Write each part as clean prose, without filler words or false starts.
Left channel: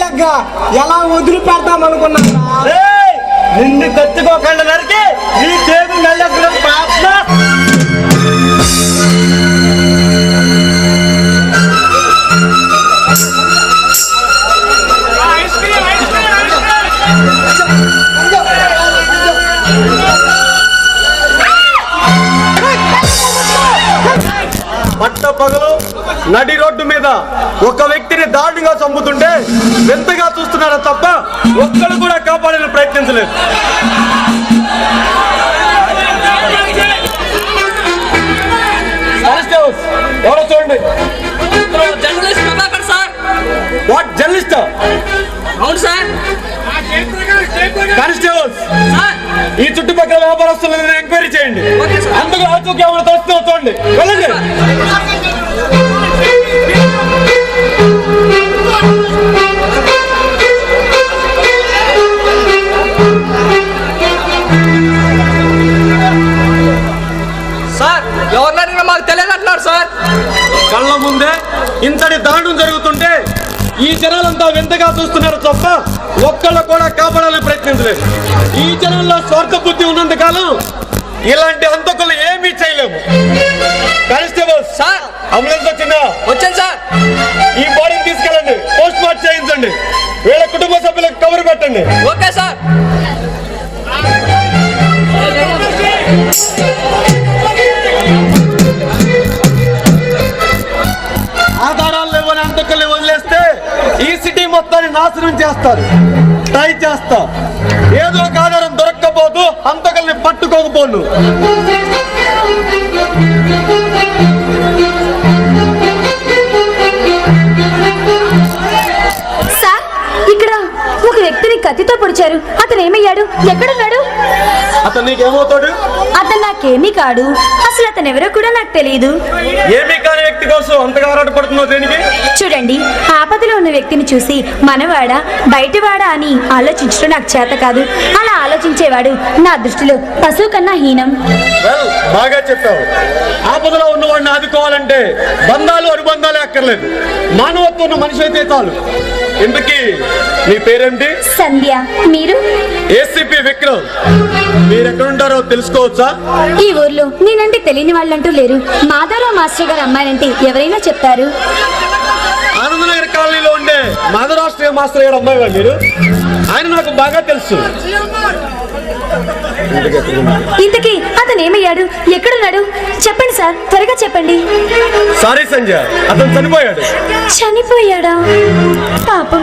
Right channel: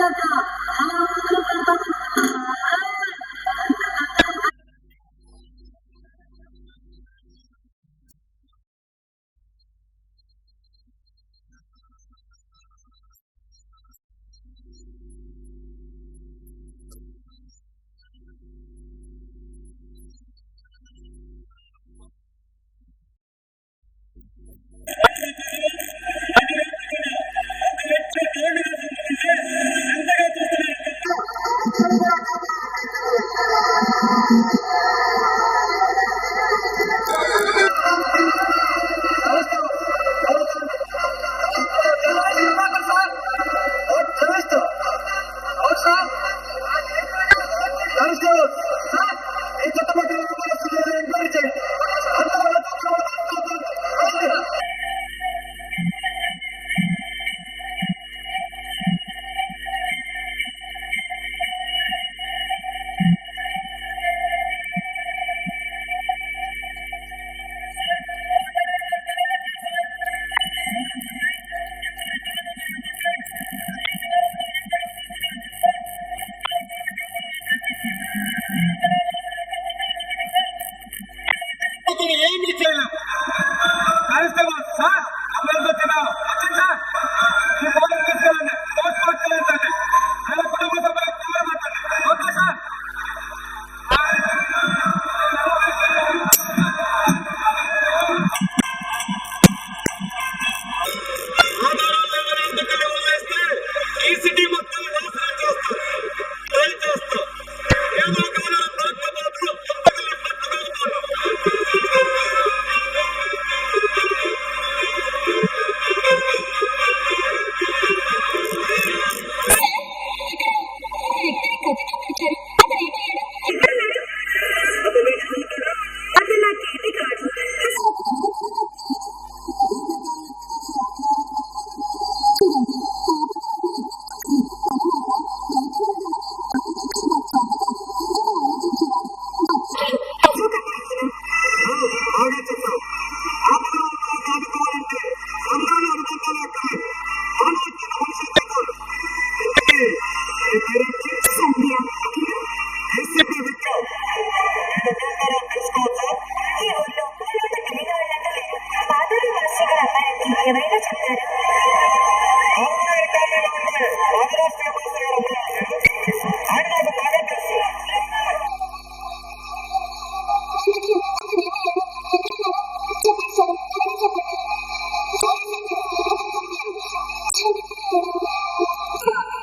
Dialogue గా ఎలా వదిలి పెడతామనుకున్నా నిన్ను తెచ్చుకోకుండా నరికి ఈ టేబుల్ నెల పాప పట్ట పగలు నడి రోడ్డు మీద ఒక వ్యక్తిని దారుణంగా చంపుతుంటే ఎంతగా చూస్తున్నారో తప్ప ఒక్కరు కూడా కాపాడాలని ప్రయత్నించలేదు. ఎవరో చూడండి. What journalist? అవును సార్. కానిస్టేబుల్స్, ఈ చుట్టుపక్కల వ్యాపారస్తులను ఎంక్వైరీ చేయండి. అందుకు ఆచూకీ ఏమైనా తోస్తుందో చూడండి. వెళ్ళండి. సార్ ఎవరినైనా మాకు తెలియదంటున్నారు సార్. కళ్ళ ముందే ఇంతటి దారుణం జరుగుతుంటే ఈ జనాలంతా వింతగా చూస్తున్నారు తప్ప ఒక్కళ్ళు కూడా కాపాడాలని ప్రయత్నించలేదు. ఈ జనాల్లో స్వార్థ బుద్ధి ఉన్నంత కాలం ఇలాంటి హంతకులు ఏమీ చేయలేము. కానిస్టేబుల్ సార్, అంబులెన్స్ వచ్చిందా? వచ్చాను సార్. ఈ బాడీని తీసుకెళ్ళండి, పోస్ట్ మార్టం చేయించండి, వీళ్ళ కుటుంబ సభ్యులకు కబురు పెట్టండి. Okay sir. ఆధారాలు లేవని హంతకుల్ని వదిలేస్తే ఈ సిటీ మొత్తాన్ని నాశనం చేస్తారు. ట్రై చేస్తా, ఏదో ఒక ఆధారం దొరక్కపోదు, హంతకుల్ని పట్టుకోకపోను. సార్, ఇక్కడ ఒక వ్యక్తిని కత్తితో పొడిచారు. అతను ఏమయ్యాడు? ఎక్కడున్నాడు? అతను నీకేమవుతాడు? అతను నాకేమీ కాడు. అసలు అతను ఎవరో కూడా నాకు తెలియదు. ఏమీ కాని వ్యక్తి కోసం అంతగా ఆరాటపడుతున్నావు దేనికి? చూడండి, ఆపదలో ఉన్న వ్యక్తిని చూసి మనవాడా బయటవాడా అని ఆలోచించడం నాకు చేత కాదు. అలా ఆలోచించేవాడు నా దృష్టిలో పశువు కన్నా హీనం. బాగా చెప్పావు. ఆపదలో ఉన్నవాడిని ఆదుకోవాలంటే బంధాలు అనుబంధాలే అక్కర్లేదు, మానవత్వం ఉన్న మనిషి అయితే చాలు. ఇంతకీ నీ పేరేమిటి? సంధ్య. మీరు? ఏసీపీ విక్రమ్. మీరెక్కడుంటారో తెలుసుకోవచ్చా? ఈ ఊర్లో నేనంటే తెలియని వాళ్ళంటూ లేరు. మాధవరావు మాస్టర్ గారు అమ్మాయినంటే ఎవరైనా చెప్తారు. ఆనందనగర్ కాలనీలో ఉండే మాధవరావు మాస్టర్ గారు అమ్మాయి మీరు? ఆయన నాకు బాగా తెలుసు. ఇంతకీ అతను ఏమయ్యాడు? ఎక్కడున్నాడు? చెప్పండి సార్, త్వరగా చెప్పండి. సారీ సంజయ్, అతను చనిపోయాడు. చనిపోయాడా? పాపం.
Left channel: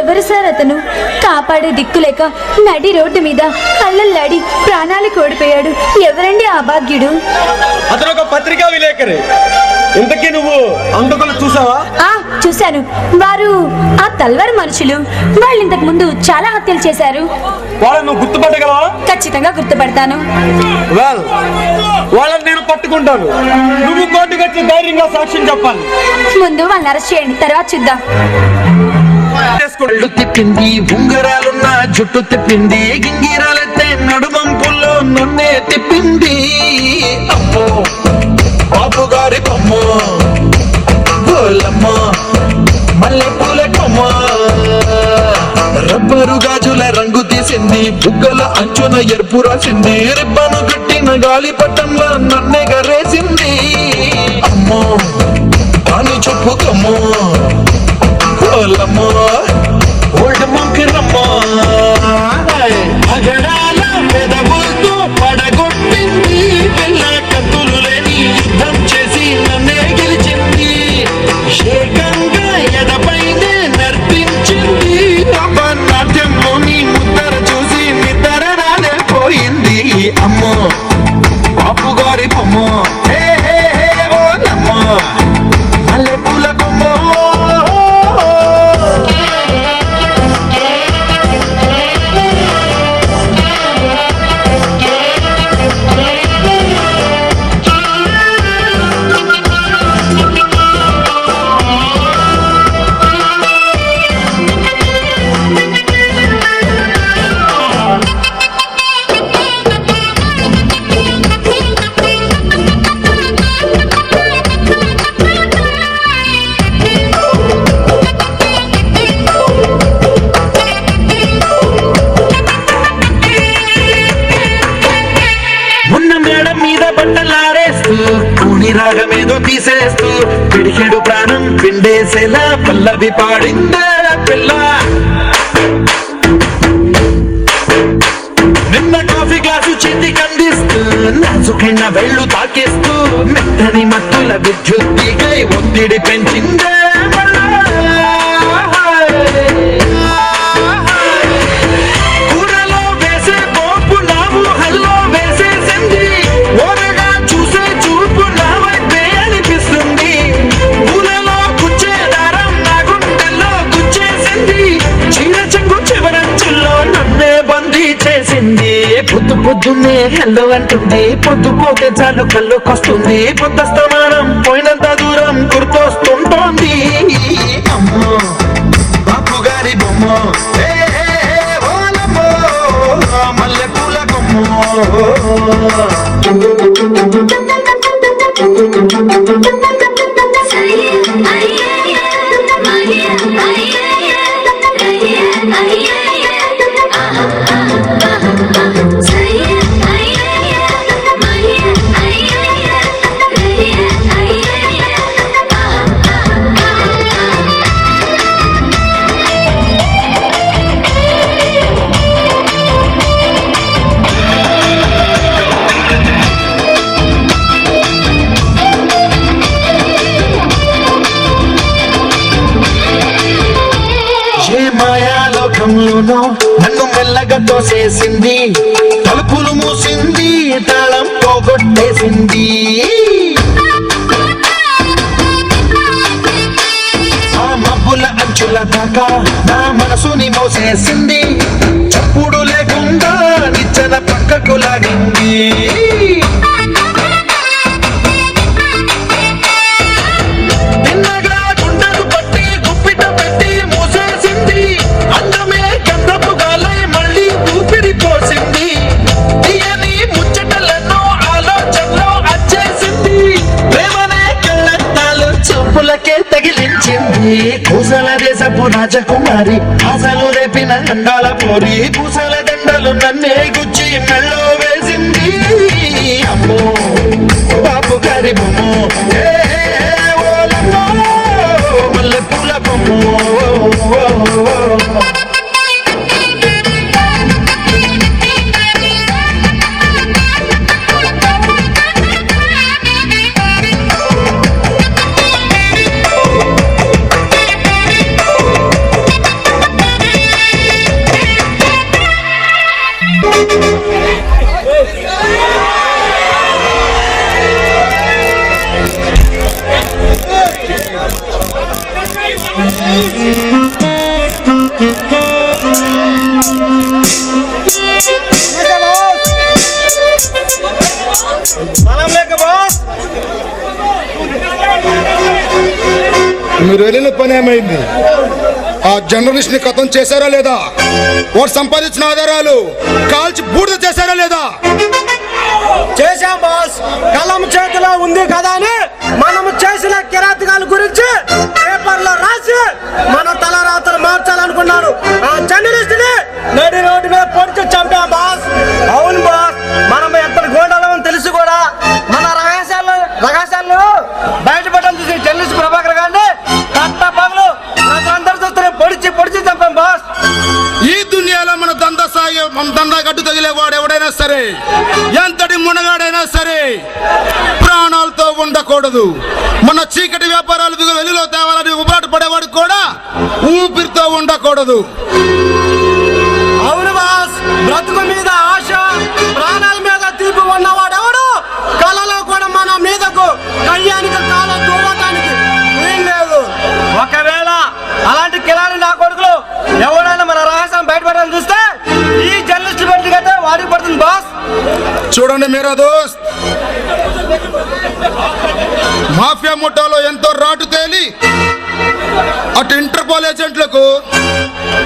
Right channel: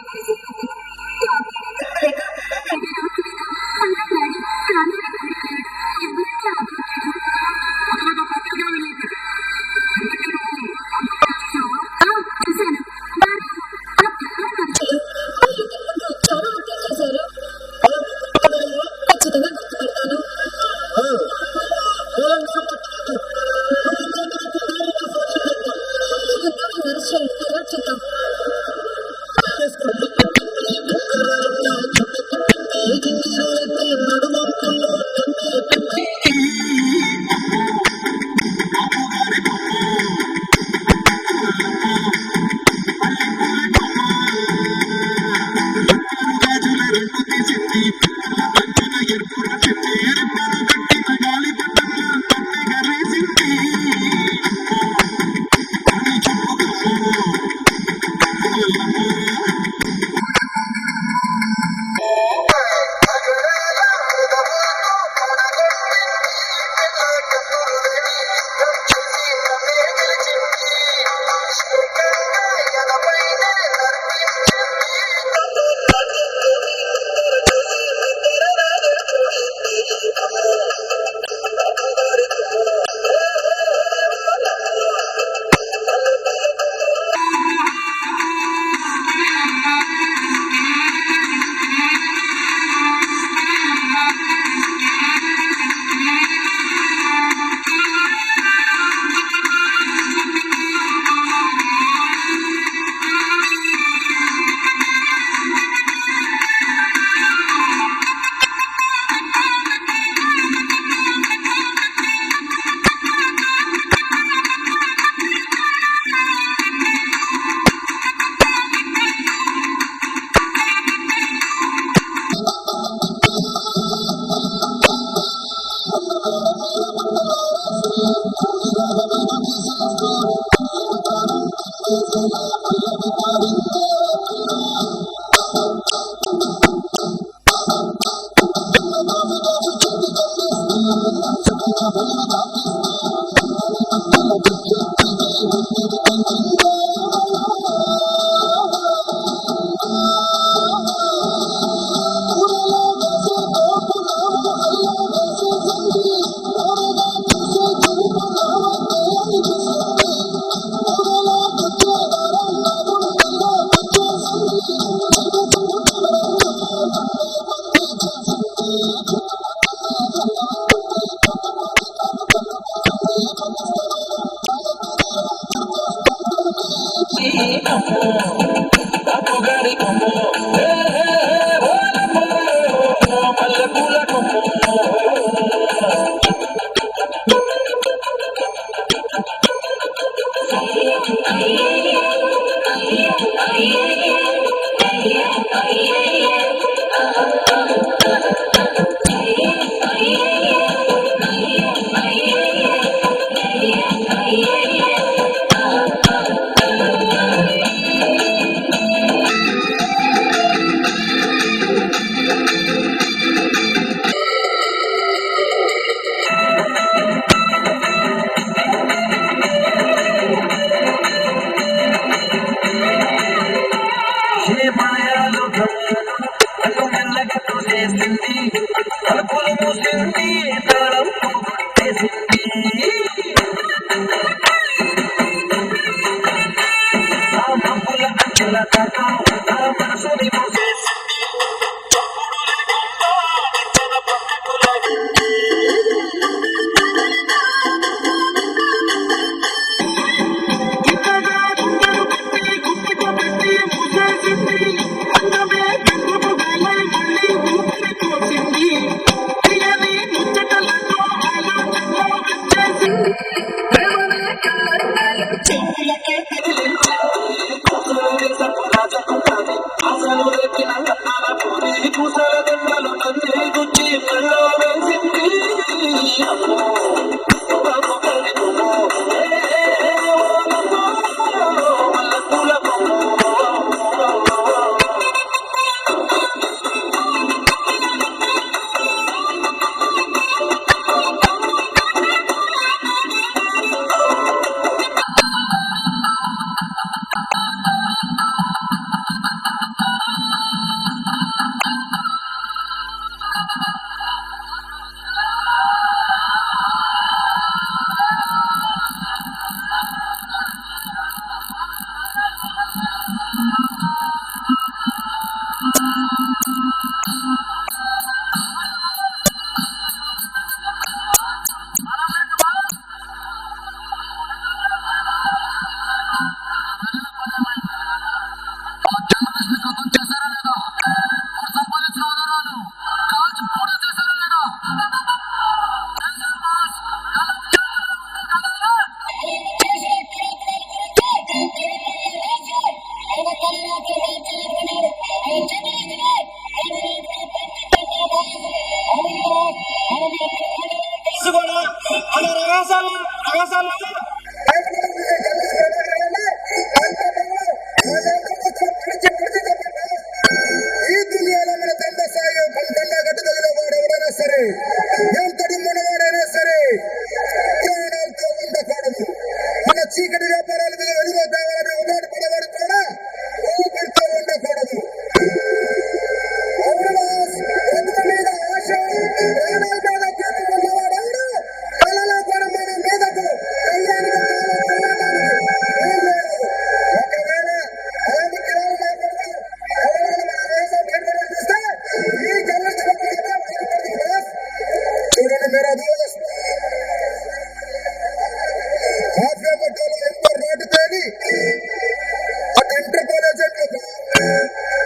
ఎవరు సార్ అతను? కాపాడే దిక్కులేక నడి రోడ్డు మీద అల్లల్లాడి ప్రాణాలు కోల్పోయాడు. ఎవరండి ఆ భాగ్యుడు? అతను ఒక పత్రికా విలేకరి. ఇంతకీ నువ్వు హంతకులు చూసావా? చూశాను. వారు ఆ తల్వార్ మనుషులు. వాళ్ళు ఇంతకు ముందు చాలా హత్యలు చేశారు. వాళ్ళని నువ్వు గుర్తుపట్టగలవా? ఖచ్చితంగా గుర్తుపడతాను. వాళ్ళని నేను పట్టుకుంటాను. నువ్వు కోర్టుకు వచ్చి ధైర్యంగా సాక్ష్యం చెప్పాలి. ముందు వాళ్ళని అరెస్ట్ చేయండి, తర్వాత చూద్దాం. తిప్పింది, ఉంగరాలున్న జుట్టు తిప్పింది, గింగిరాలెత్తే నడుమంపుల్లో నన్నే తిప్పింది. అమ్మో బాబు గారి కొమ్మ, పోలమ్మ మల్లె పూల కొమ్మ, రబ్బరు గాజుల రంగు తీసింది, బుగ్గల అంచున ఎరుపు రాసింది, రిబ్బను కట్టిన గాలి పట్టంలో నన్నే గరేసింది. అమ్మో పాని చెప్పు కమ్మో, పోలమ్మ ఓల్డ్ మొంకిరమ్మ, అగడాల పెదవులతో పడగొట్టింది, పిల్ల కత్తులు లేని యుద్ధం చేసి నన్నే గెలిచింది, ఏకంగా ఎడపైనే నర్తించింది, నాట్యంలోని ముద్దర చూసి నిద్ర రాలే పోయింది. అమ్మో బాపు గారి బొమ్మ, ఓలమ్మ మల్లె పూల కొమ్మ. చేసేలా పల్లవి పాడిందే పిల్ల. నిన్న కాఫీ గ్లాసు చేతికి అందిస్తూ నాజుకైన వెళ్ళు తాకిస్తూ మెత్తని మత్తుల విద్యుత్తికై ఒత్తిడి పెంచిందే మళ్ళా. కూరలో వేసే పోపు నా ఊహల్లో వేసేసింది. ఓరగా చూసే చూపు నా వైపే అనిపిస్తుంది. పూలలో గుచ్చే దారం నా గుండెల్లో గుచ్చేసింది. చీర చెంగు చివరంచుల్లో నన్నే బందీ చేసింది. పొద్దు పొద్దున్నే హెల్లో అంటుంది. పొద్దు పోతే చాలు కళ్ళొకొస్తుంది. పొద్దస్తమానం పోయినంత దూరం గుర్తొస్తుంటోంది. అమ్మో బాపు గారి బొమ్మో ఏ ఓలమ్మో మల్లె పూల కొమ్మో. ఏ మాయాలోకంలోనో నన్ను మెల్లగా తోసేసింది. తలుపులు మూసింది, తాళం పోగొట్టేసింది. ఆ మబ్బుల అంచుల దాకా నా మనసుని మోసేసింది. చప్పుడు లేకుండా నిచ్చెన పక్కకు లాగింది. తిన్నగా గుండెను పట్టి గుప్పిట పెట్టి మూసేసింది. అందమే గంధపు గాలై మళ్ళీ ఊపిరి పోసింది. తీయని ముచ్చటలను ఆలోచనలో అచ్చేసింది. ప్రేమనే కళ్ళట్టాలు చూపులకే తగిలించింది. పూసల దేశపు రాజకుమారి ఆశలు రేపిన అండాల పోరి. పూసల దండలు నన్నే గుచ్చి మెళ్ళో వేసింది. అమ్మో బాపు గారి బొమ్మో ఏ ఓలమ్మో మల్లె పూల కొమ్మో. సలాం లేక బాస్. మీరు వెళ్ళిన పని ఏమైంది? ఆ జర్నలిస్ట్ ని ఖతం చేశారా లేదా? వాడు సంపాదించిన ఆధారాలు కాల్చి బూడిద చేశారా లేదా? చేశాం బాస్. కలం చేతిలో ఉంది కదా అని మనము చేసిన కిరాతకాల గురించి పేపర్లో రాసి మన తలరాతలు మార్చాలనుకున్నాడు. ఆ జర్నలిస్ట్ ని నడి రోడ్డు మీద పొడిచి చంపాం బాస్. అవును బాస్, మనం ఎంత గోండాలని తెలిసి కూడా మన రహస్యాలను బయటపడడం చూసి జర్నలిస్ట్ ప్రభాకర్ గారిని కట్ట పగలు ప్రజలందరూ చూస్తే పొడిచి చంపాం బాస్. ఈ దునియాలో మన దందా గడ్డు తగిలేవాడు ఎవడైనా సరే, ఎంతటి మునగాడైనా సరే ప్రాణాలతో ఉండకూడదు. మన చీకటి వ్యాపారాలు వెలుగులో తేవాలని ఉబరాట పడేవాడు కూడా ఊపిరితో ఉండకూడదు. అవును బాస్, బ్రతుకు మీద ఆశ, ప్రాణాల మీద తీర్పు ఉన్నవాడెవడు కళలో కూడా మన మీదకు కయ్యానికి కాలం దూవటానికి వీల్లేదు. ఒకవేళ అలాంటి కిలాడి నా కొడుకులు ఎవరైనా మన రహస్యం బయటపడాలని చూస్తే ఈ జర్నలిస్ట్ బట్టికైతే వాడికి పడుతుంది బాస్. చూడండి మేరా దోస్త్, మాఫియా ముఠాలో ఎంతో రాటు తేలి అటు ఇంటర్పోల్ ఏజెంట్లకు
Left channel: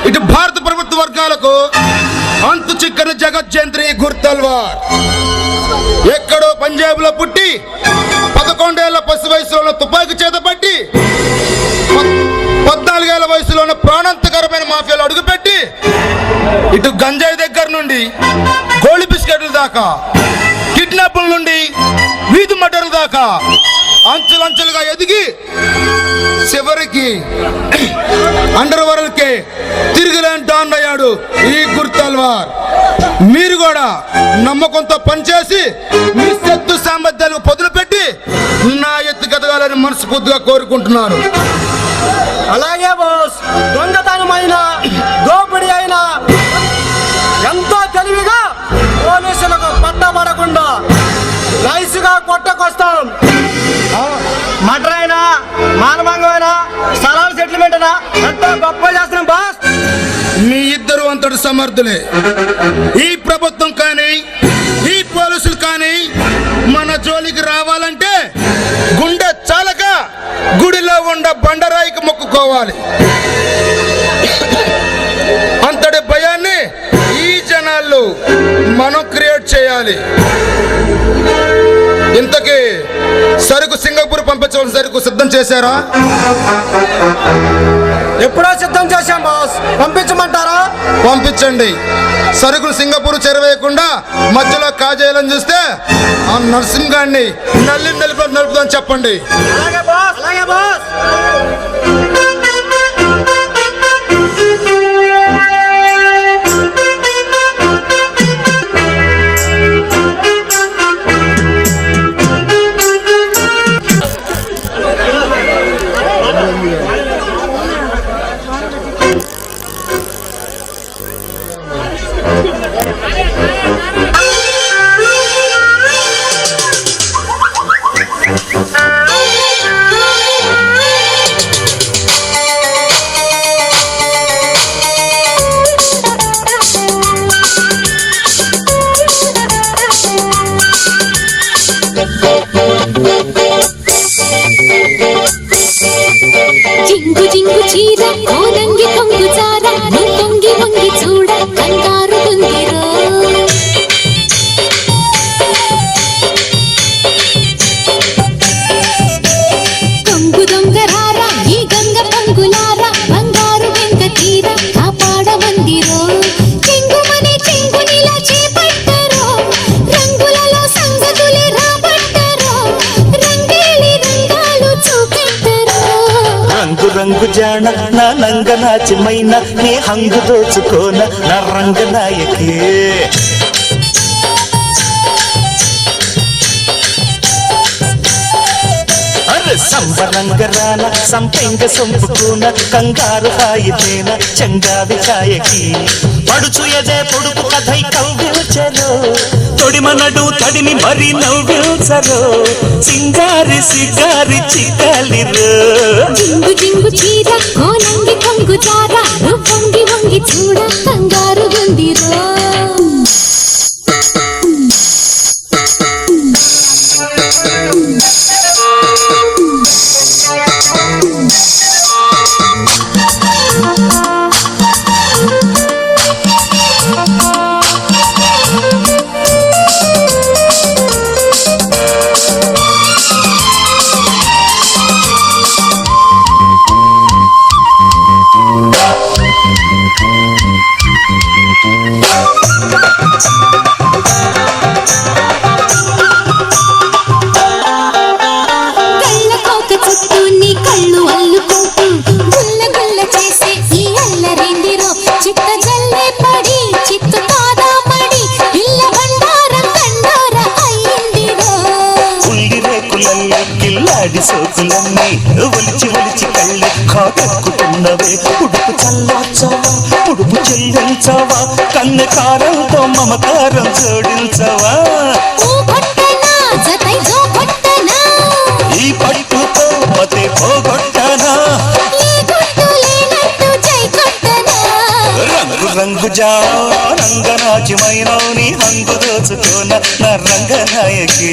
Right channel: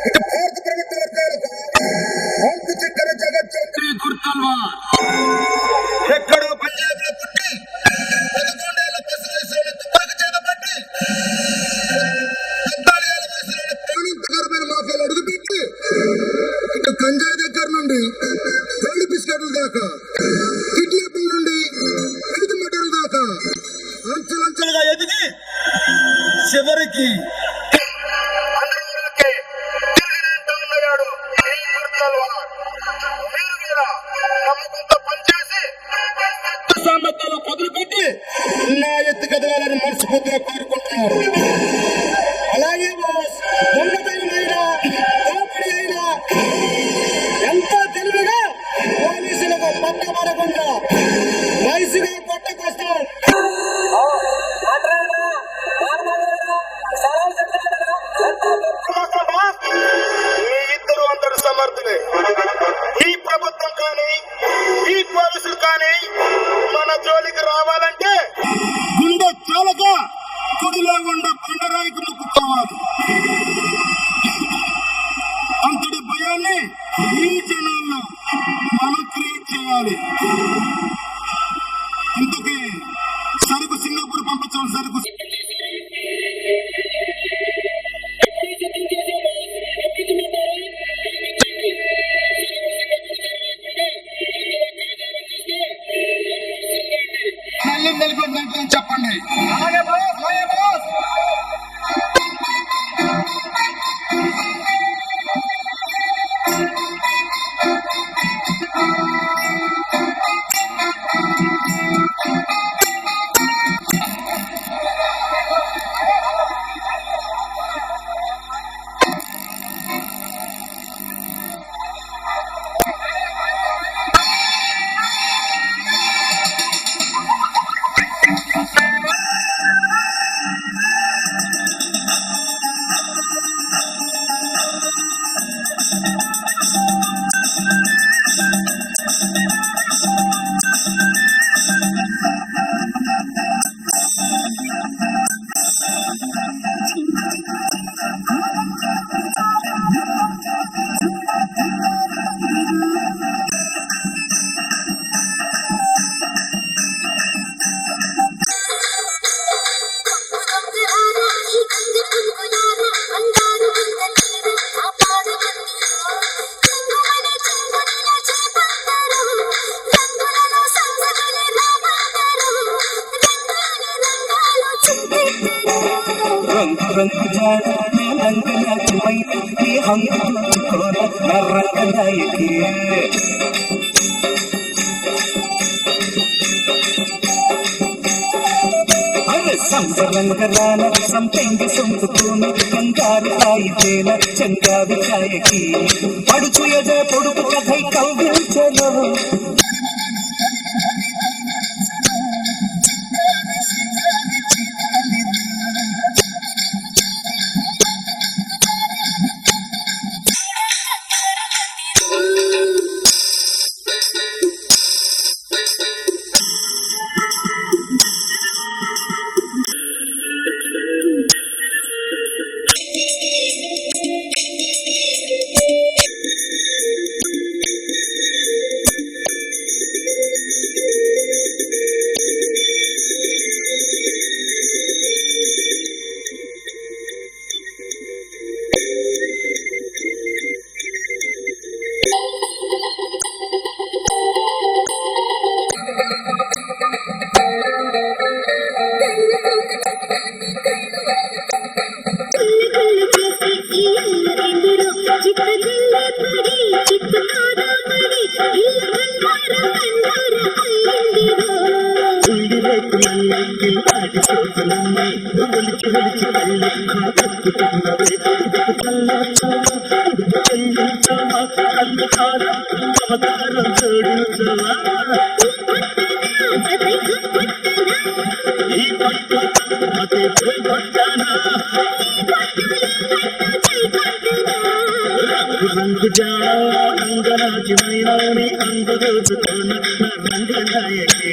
ఇటు భారత ప్రభుత్వ వర్గాలకు అంతు చిక్కని జగజ్జంత్రి గుర్తల్వార్ ఎక్కడో పంజాబ్ లో పుట్టి 11 ఏళ్ల పసి వయసులో తుపాకీ చేతపట్టి 14 ఏళ్ల వయసులోనే ప్రాణాంతకరమైన మాఫియాలో అడుగుపెట్టి ఇటు గంజాయి దగ్గర నుండి గోళి బిస్కెట్ల దాకా, కిడ్నాపుల నుండి వీధి మర్డర్ల దాకా అంచులంచులుగా ఎదిగి చివరికి అండర్ వరల్డ్కే తిరిగిలేని డాన్ అయ్యాడు ఈ గుర్తల్వార్. మీరు కూడా నమ్మకంతో పనిచేసి మీ శక్తి సామర్థ్యాలకు పొదులు పెట్టి నా ఎత్తుకెదగాలని మనస్ఫూర్తిగా కోరుకుంటున్నాను. అలాగే బాస్, దొంగతనమైన దోపిడీ అయినా ఎంతో తెలివిగా పోలీసులకు పట్టబడకుండా నైస్గా కొట్టకొస్తాం. మటర్ అయినా మానభంగమైనా స్థలాల సెటిల్మెంట్ అయినా ఎంతో గొప్ప చేస్తున్నాం బాస్. మీ ఇద్దరు అంతటి సమర్థులే. ఈ ప్రభుత్వం కానీ ఈ పోలీసులు కానీ మన జోలికి రావాలంటే గుండె చాలక గుడిలో ఉండ బండరాయికి మొక్కుకోవాలి. అంతటి భయాన్ని ఈ జనాల్లో మనం క్రియేట్ చేయాలి. ఇంతకీ సరుకు సింగపూర్ పంపించవలసిన సరుకు సిద్ధం చేశారా? ఎప్పుడో సిద్ధం చేశాం బాస్, పంపించమంటారా? పంపించండి. సరుకులు సింగపూర్ చేరవేయకుండా మధ్యలో కాజేయాలని చూస్తే ఆ నరసింహాన్ని నలుపుదని చెప్పండి. అలాగే బాస్, అలాగే బాస్. జింగు జింగు చీర కోదంగి కొంగు చార నువ్వు పొంగి పొంగి చూడ కంగారు పొందిరో. కొంగు దొంగరారా ఈ గంగ పొంగులారా బంగారు వెంక తీర కాపాడమందిరో. చెంగుమనే చెంగునిలా చేపట్టరో రంగులలో సంగతులే రాబట్టరో రంగేలి రంగాలు చూపెట్టరో. రంగు రంగు జాణ నా నంగ నాచిమైన నీ హంగు దోచుకోన నా రంగ నాయకే. అరే సంబరంగ రాన సంపెంగ సొంపుకున కంగారు హాయితేన చంగావి కాయకి. పడుచు ఎదే పొడుపు కథై కవ్విల్చెలో తొడిమ నడు తడిని మరి నవ్విల్చరో సింగారి సిగారి చిక్కాలిరో. జింగు జింగు చీర కోనంగి కొంగు చార నువ్వు పొంగి పొంగి చూడ కంగారు గందిరో. కళ్ళ కోక చుట్టూ నీ కళ్ళు అల్లుకుంటూ గుల్ల గుల్ల చేసే ఈ అల్లరేందిరో. చిత్త జల్లే పడి చిత్తు కాదా పడి ఇల్ల బండారం కండార అయ్యిందిరో. ఉల్లి రేకులన్నీ కిల్లాడి సోకులన్నీ ఒలిచి ఒలిచి కళ్ళు కాకెక్కుతున్నవే. ఉడుపు చల్లార్చావా ఉడుపు చెల్లించావా కన్నె కారంతో మమకారం జోడించవా. ఊ కొట్టనా జతై జో కొట్టనా ఈ పట్టుతో మతే పోగొట్టనా. ఈ కొట్టు లేనట్టు జై కొట్టనా. రంగు రంగు జాణ రంగనాచిమైన నీ హంగు దోచుకోన నా రంగనాయకే.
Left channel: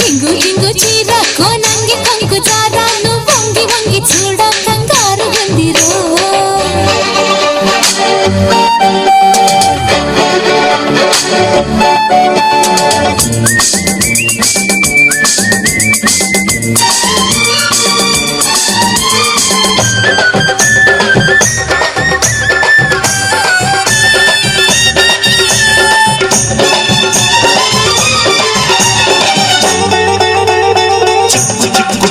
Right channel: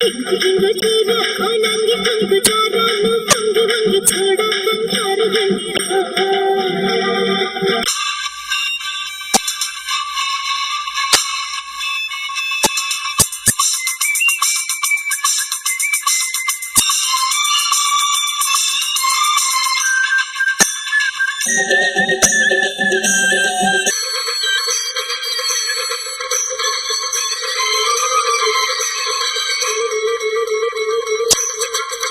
జింగు జింగు చీర కోనంగి కొంగు చార నువ్వు వంగి వంగి చూడ కంగారు గందిరో. చిక్కు చిక్కు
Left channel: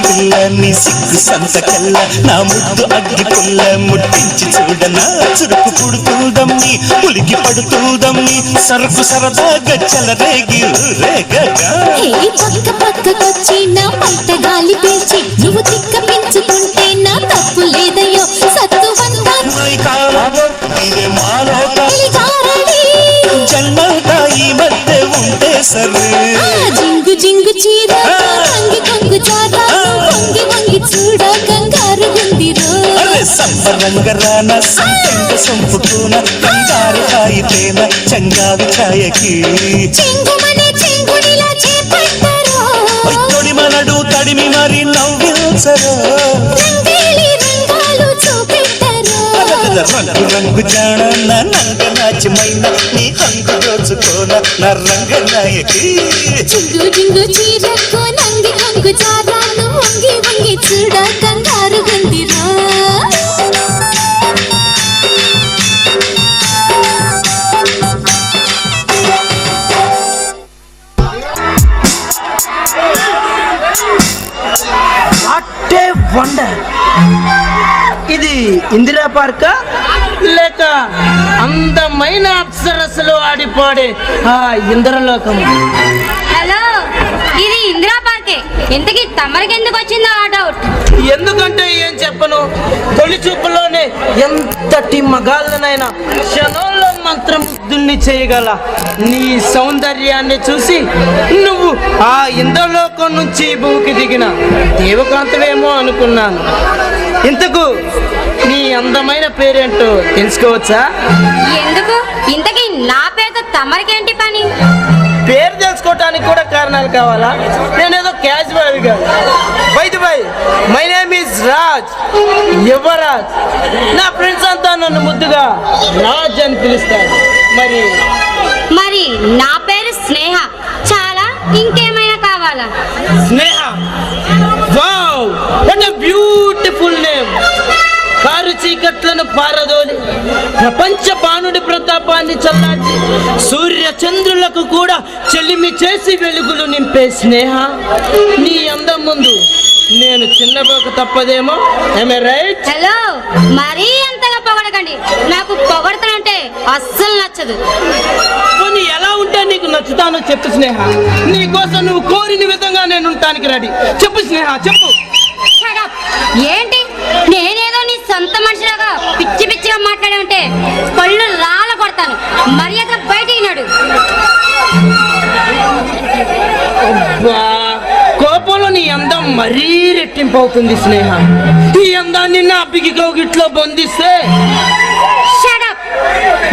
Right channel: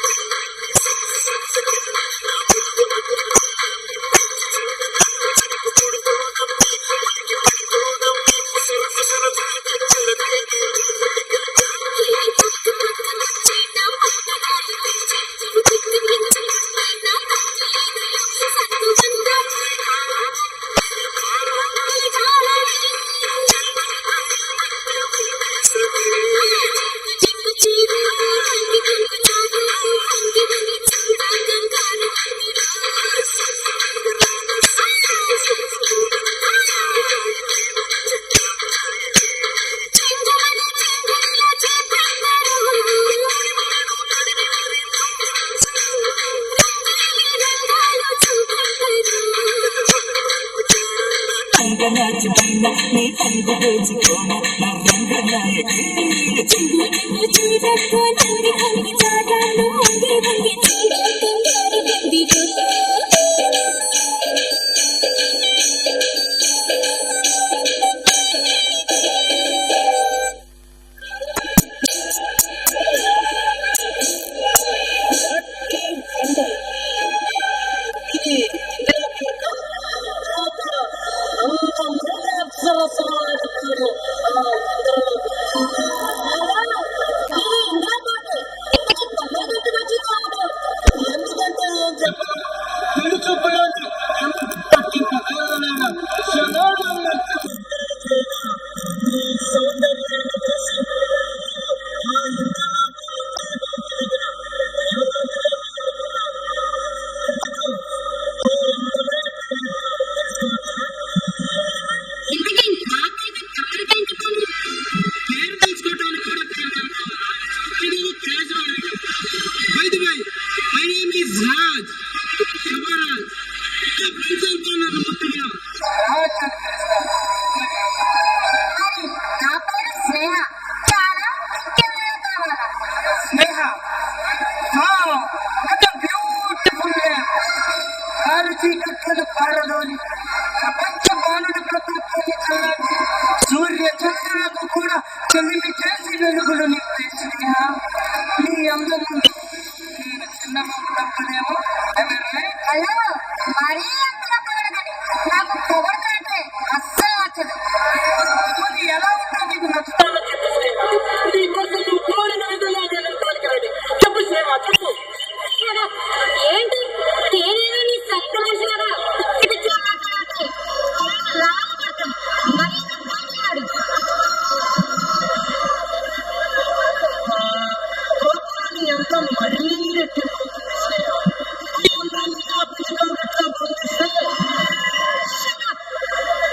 సంతకెళ్ళ నా ముద్దు అగ్గి పుల్ల ముట్టించి చూడనా చురుకు పుడుతుందమ్మి పులికి పడుతుందమ్మి సరుకు సరదాగా చెలరేగి రేగగా పక్క పక్కకొచ్చి నా పంట గాలి పీల్చి నువ్వు తిక్క పెంచుకుంటే నా తప్పు లేదయ్యో సత్తువంతా జన్మంతా ఈ మధ్య ఉంటే సరే జింగు జింగు చీర రంగి కొంగు జాత వంగి వంగి చూడ కంగారు గుందిరో సంబరంగరాన సంపెంగ సొంపుకోన కంగారు కాయితేన చంగావి ఛాయకి చెంగుమనే చెంగునిలా చేపట్టరో తొడి మనడు తడిమి మరి నవ్వించరు రంగేలి రంగాలు చూపెట్టరో రంగు రంగు జాణ నా నంగ నాచమైన నీ హంగు దోచుకోన నా రంగ నాయకి జింగు జింగు చీరకో నంగి కొంగు జారాను వంగి వంగి చూడ కంగారు గుందిరో వాట్ ఏ వండర్! ఇది ఇందిరా పార్కా లేక అందమైన అప్సరసలు ఆడిపాడే ఆ ఇంద్రలోకం? హలో, ఇది ఇందిరా పార్కే. ఇంతకీ తమరికి ఎందుకు వచ్చిందో ఆ డౌట్? ఎందుకంటే ఏం చెప్పను, తొలి చూపులోనే ఎంతటి మగాళ్ళనైనా క్షణంలో మంత్రముగ్ధుల్ని చేయగల నీ సౌందర్యాన్ని చూసి నువ్వు ఆ ఇంద్రలోకం నుంచి భూమికి దిగిన దేవకాంతవేమో అనుకున్నాను. ఇంతకు నీ అందమైన పేరేంటో తెలుసుకోవచ్చా? ఎందుకు? ఇంతకీ నా పేరుతో తమరికేంటి పని? పేరు తెలుసుకోవటానికి కూడా కారణాలు కావాలా? నేనేదో క్యాజువల్ గా by my name is Raj, Yuvraj. నా ఫ్రెండ్స్ అంతా నన్ను ముద్దుగా రాజ్ అని పిలుస్తారు. మరి నా పేరు స్నేహ. చాలా? ఇంకేమైనా కావాలా? Sneha, wow, what a beautiful name. కారు చీకట్లను పారదోలి ప్రపంచ బాణుడి ప్రతాపాన్ని చల్లార్చి సూర్య చంద్రులకు కూడా చెల్లిమి చేసి వెలుగులు నింపే స్నేహ, నీ అందం ముందు నేను చిన్నపోక తప్పదేమో. am I right? హలో, మరీ అంతగా పొగడకండి. నాకు పొగడతానంటే అస్సలు నచ్చదు. కొన్ని ఎలా ఉంటే నీకు నచ్చుతానో చెప్పు స్నేహ. నీ కోసం నువ్వు కోరిన విధంగా నేను ఉండటానికి రెడీ. చెప్పు స్నేహ, చెప్పు. Shut up. ఏంటి, నేనేదో నీ సొంత మనిషిలాగా పిచ్చి పిచ్చిగా మాట్లాడే ఉంటే పళ్ళు రాల కొడతాను. మర్యాద బయటికి నడు. అబ్బా, కోపంలో నీ అందం మరీ రెట్టింపు అవుతుంది స్నేహ. ఈ అందాన్ని నా పిగి కౌగిట్లో బంధిస్తే. Shut up.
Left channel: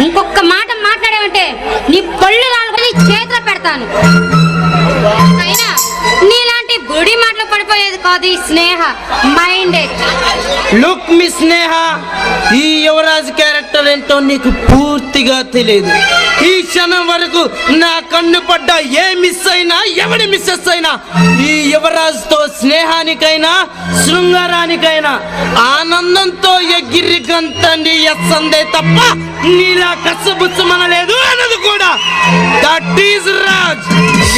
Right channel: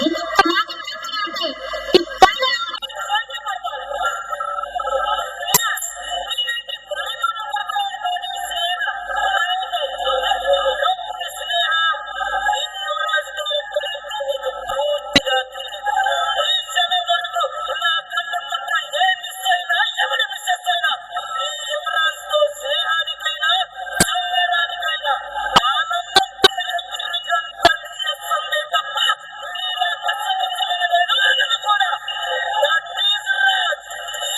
ఇంకొక మాట మాట్లాడావంటే నీ పళ్ళు రాలకొని చేతిలో పెడతాను. అయినా నీలాంటి బుడి మాటలు పడిపోయేది కాదు ఈ స్నేహ. మైండెడ్. లుక్ మీ స్నేహ, ఈ యువరాజ్ క్యారెక్టర్ ఏంటో నీకు పూర్తిగా తెలియదు. ఈ క్షణం వరకు నా కన్ను పడ్డ ఏ మిస్ అయినా, ఎవడి మిస్సెస్ అయినా ఈ యువరాజ్ తో స్నేహానికైనా శృంగారానికైనా ఆనందంతో ఎగిరి గంతండి ఎస్సందే తప్ప నీలా కసబుచ్చమనలేదు అన్నది కూడా. That is Raj,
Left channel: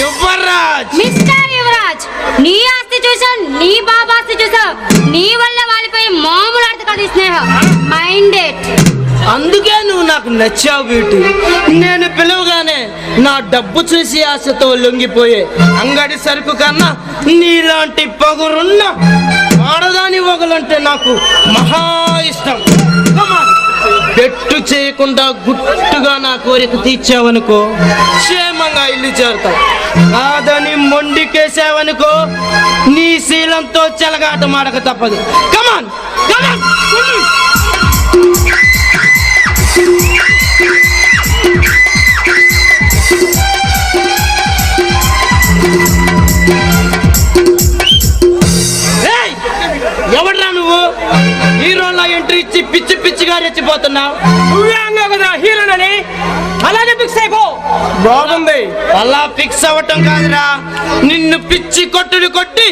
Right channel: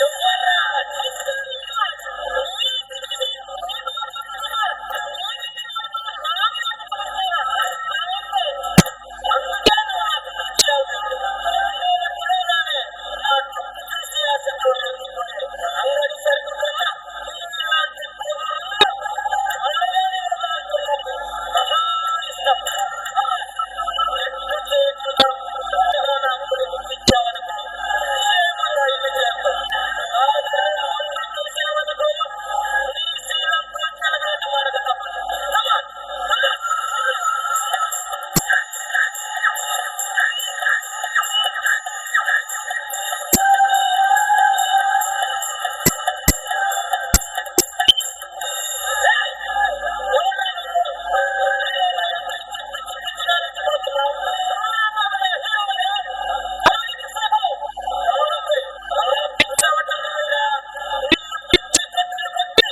Yuvraj. Mister Yuvraj, నీ ఆస్తి చూసా, నీ బాబా ఆస్తి చూసా, నీ వల్ల వాలిపోయి మామూలు ఆడత కాదు స్నేహ. మైండెడ్. అందుకే నువ్వు నాకు నచ్చావు బ్యూటీ. నేను పిలవగానే నా డబ్బు చూసి ఆశతో లొంగిపోయే అంగడి సరుకు కన్నా నీలాంటి పగురున్న ఆడదాని వగలంటే నాకు మహా ఇష్టం. పెట్టు చేయకుండా గుట్టుగా నా కోరిక తీర్చావనుకో, క్షేమంగా ఇల్లు చేరుతావు. కాదని మొండికేసావనుకో, నీ శీలంతో చెలగాట మాడక తప్పదు. కమాన్ కమాన్. ఎవడ్రా నువ్వు? హీరోలా ఎంట్రీ ఇచ్చి పిచ్చి పిచ్చిగా రెచ్చిపోతున్నావు. హీరోనని అలానే ఫిక్స్ అయిపో. బాగుంది. అలా ఫిక్స్ అవ్వటం కాదురా, నిన్ను పిచ్చి కొట్టుడు కొట్టి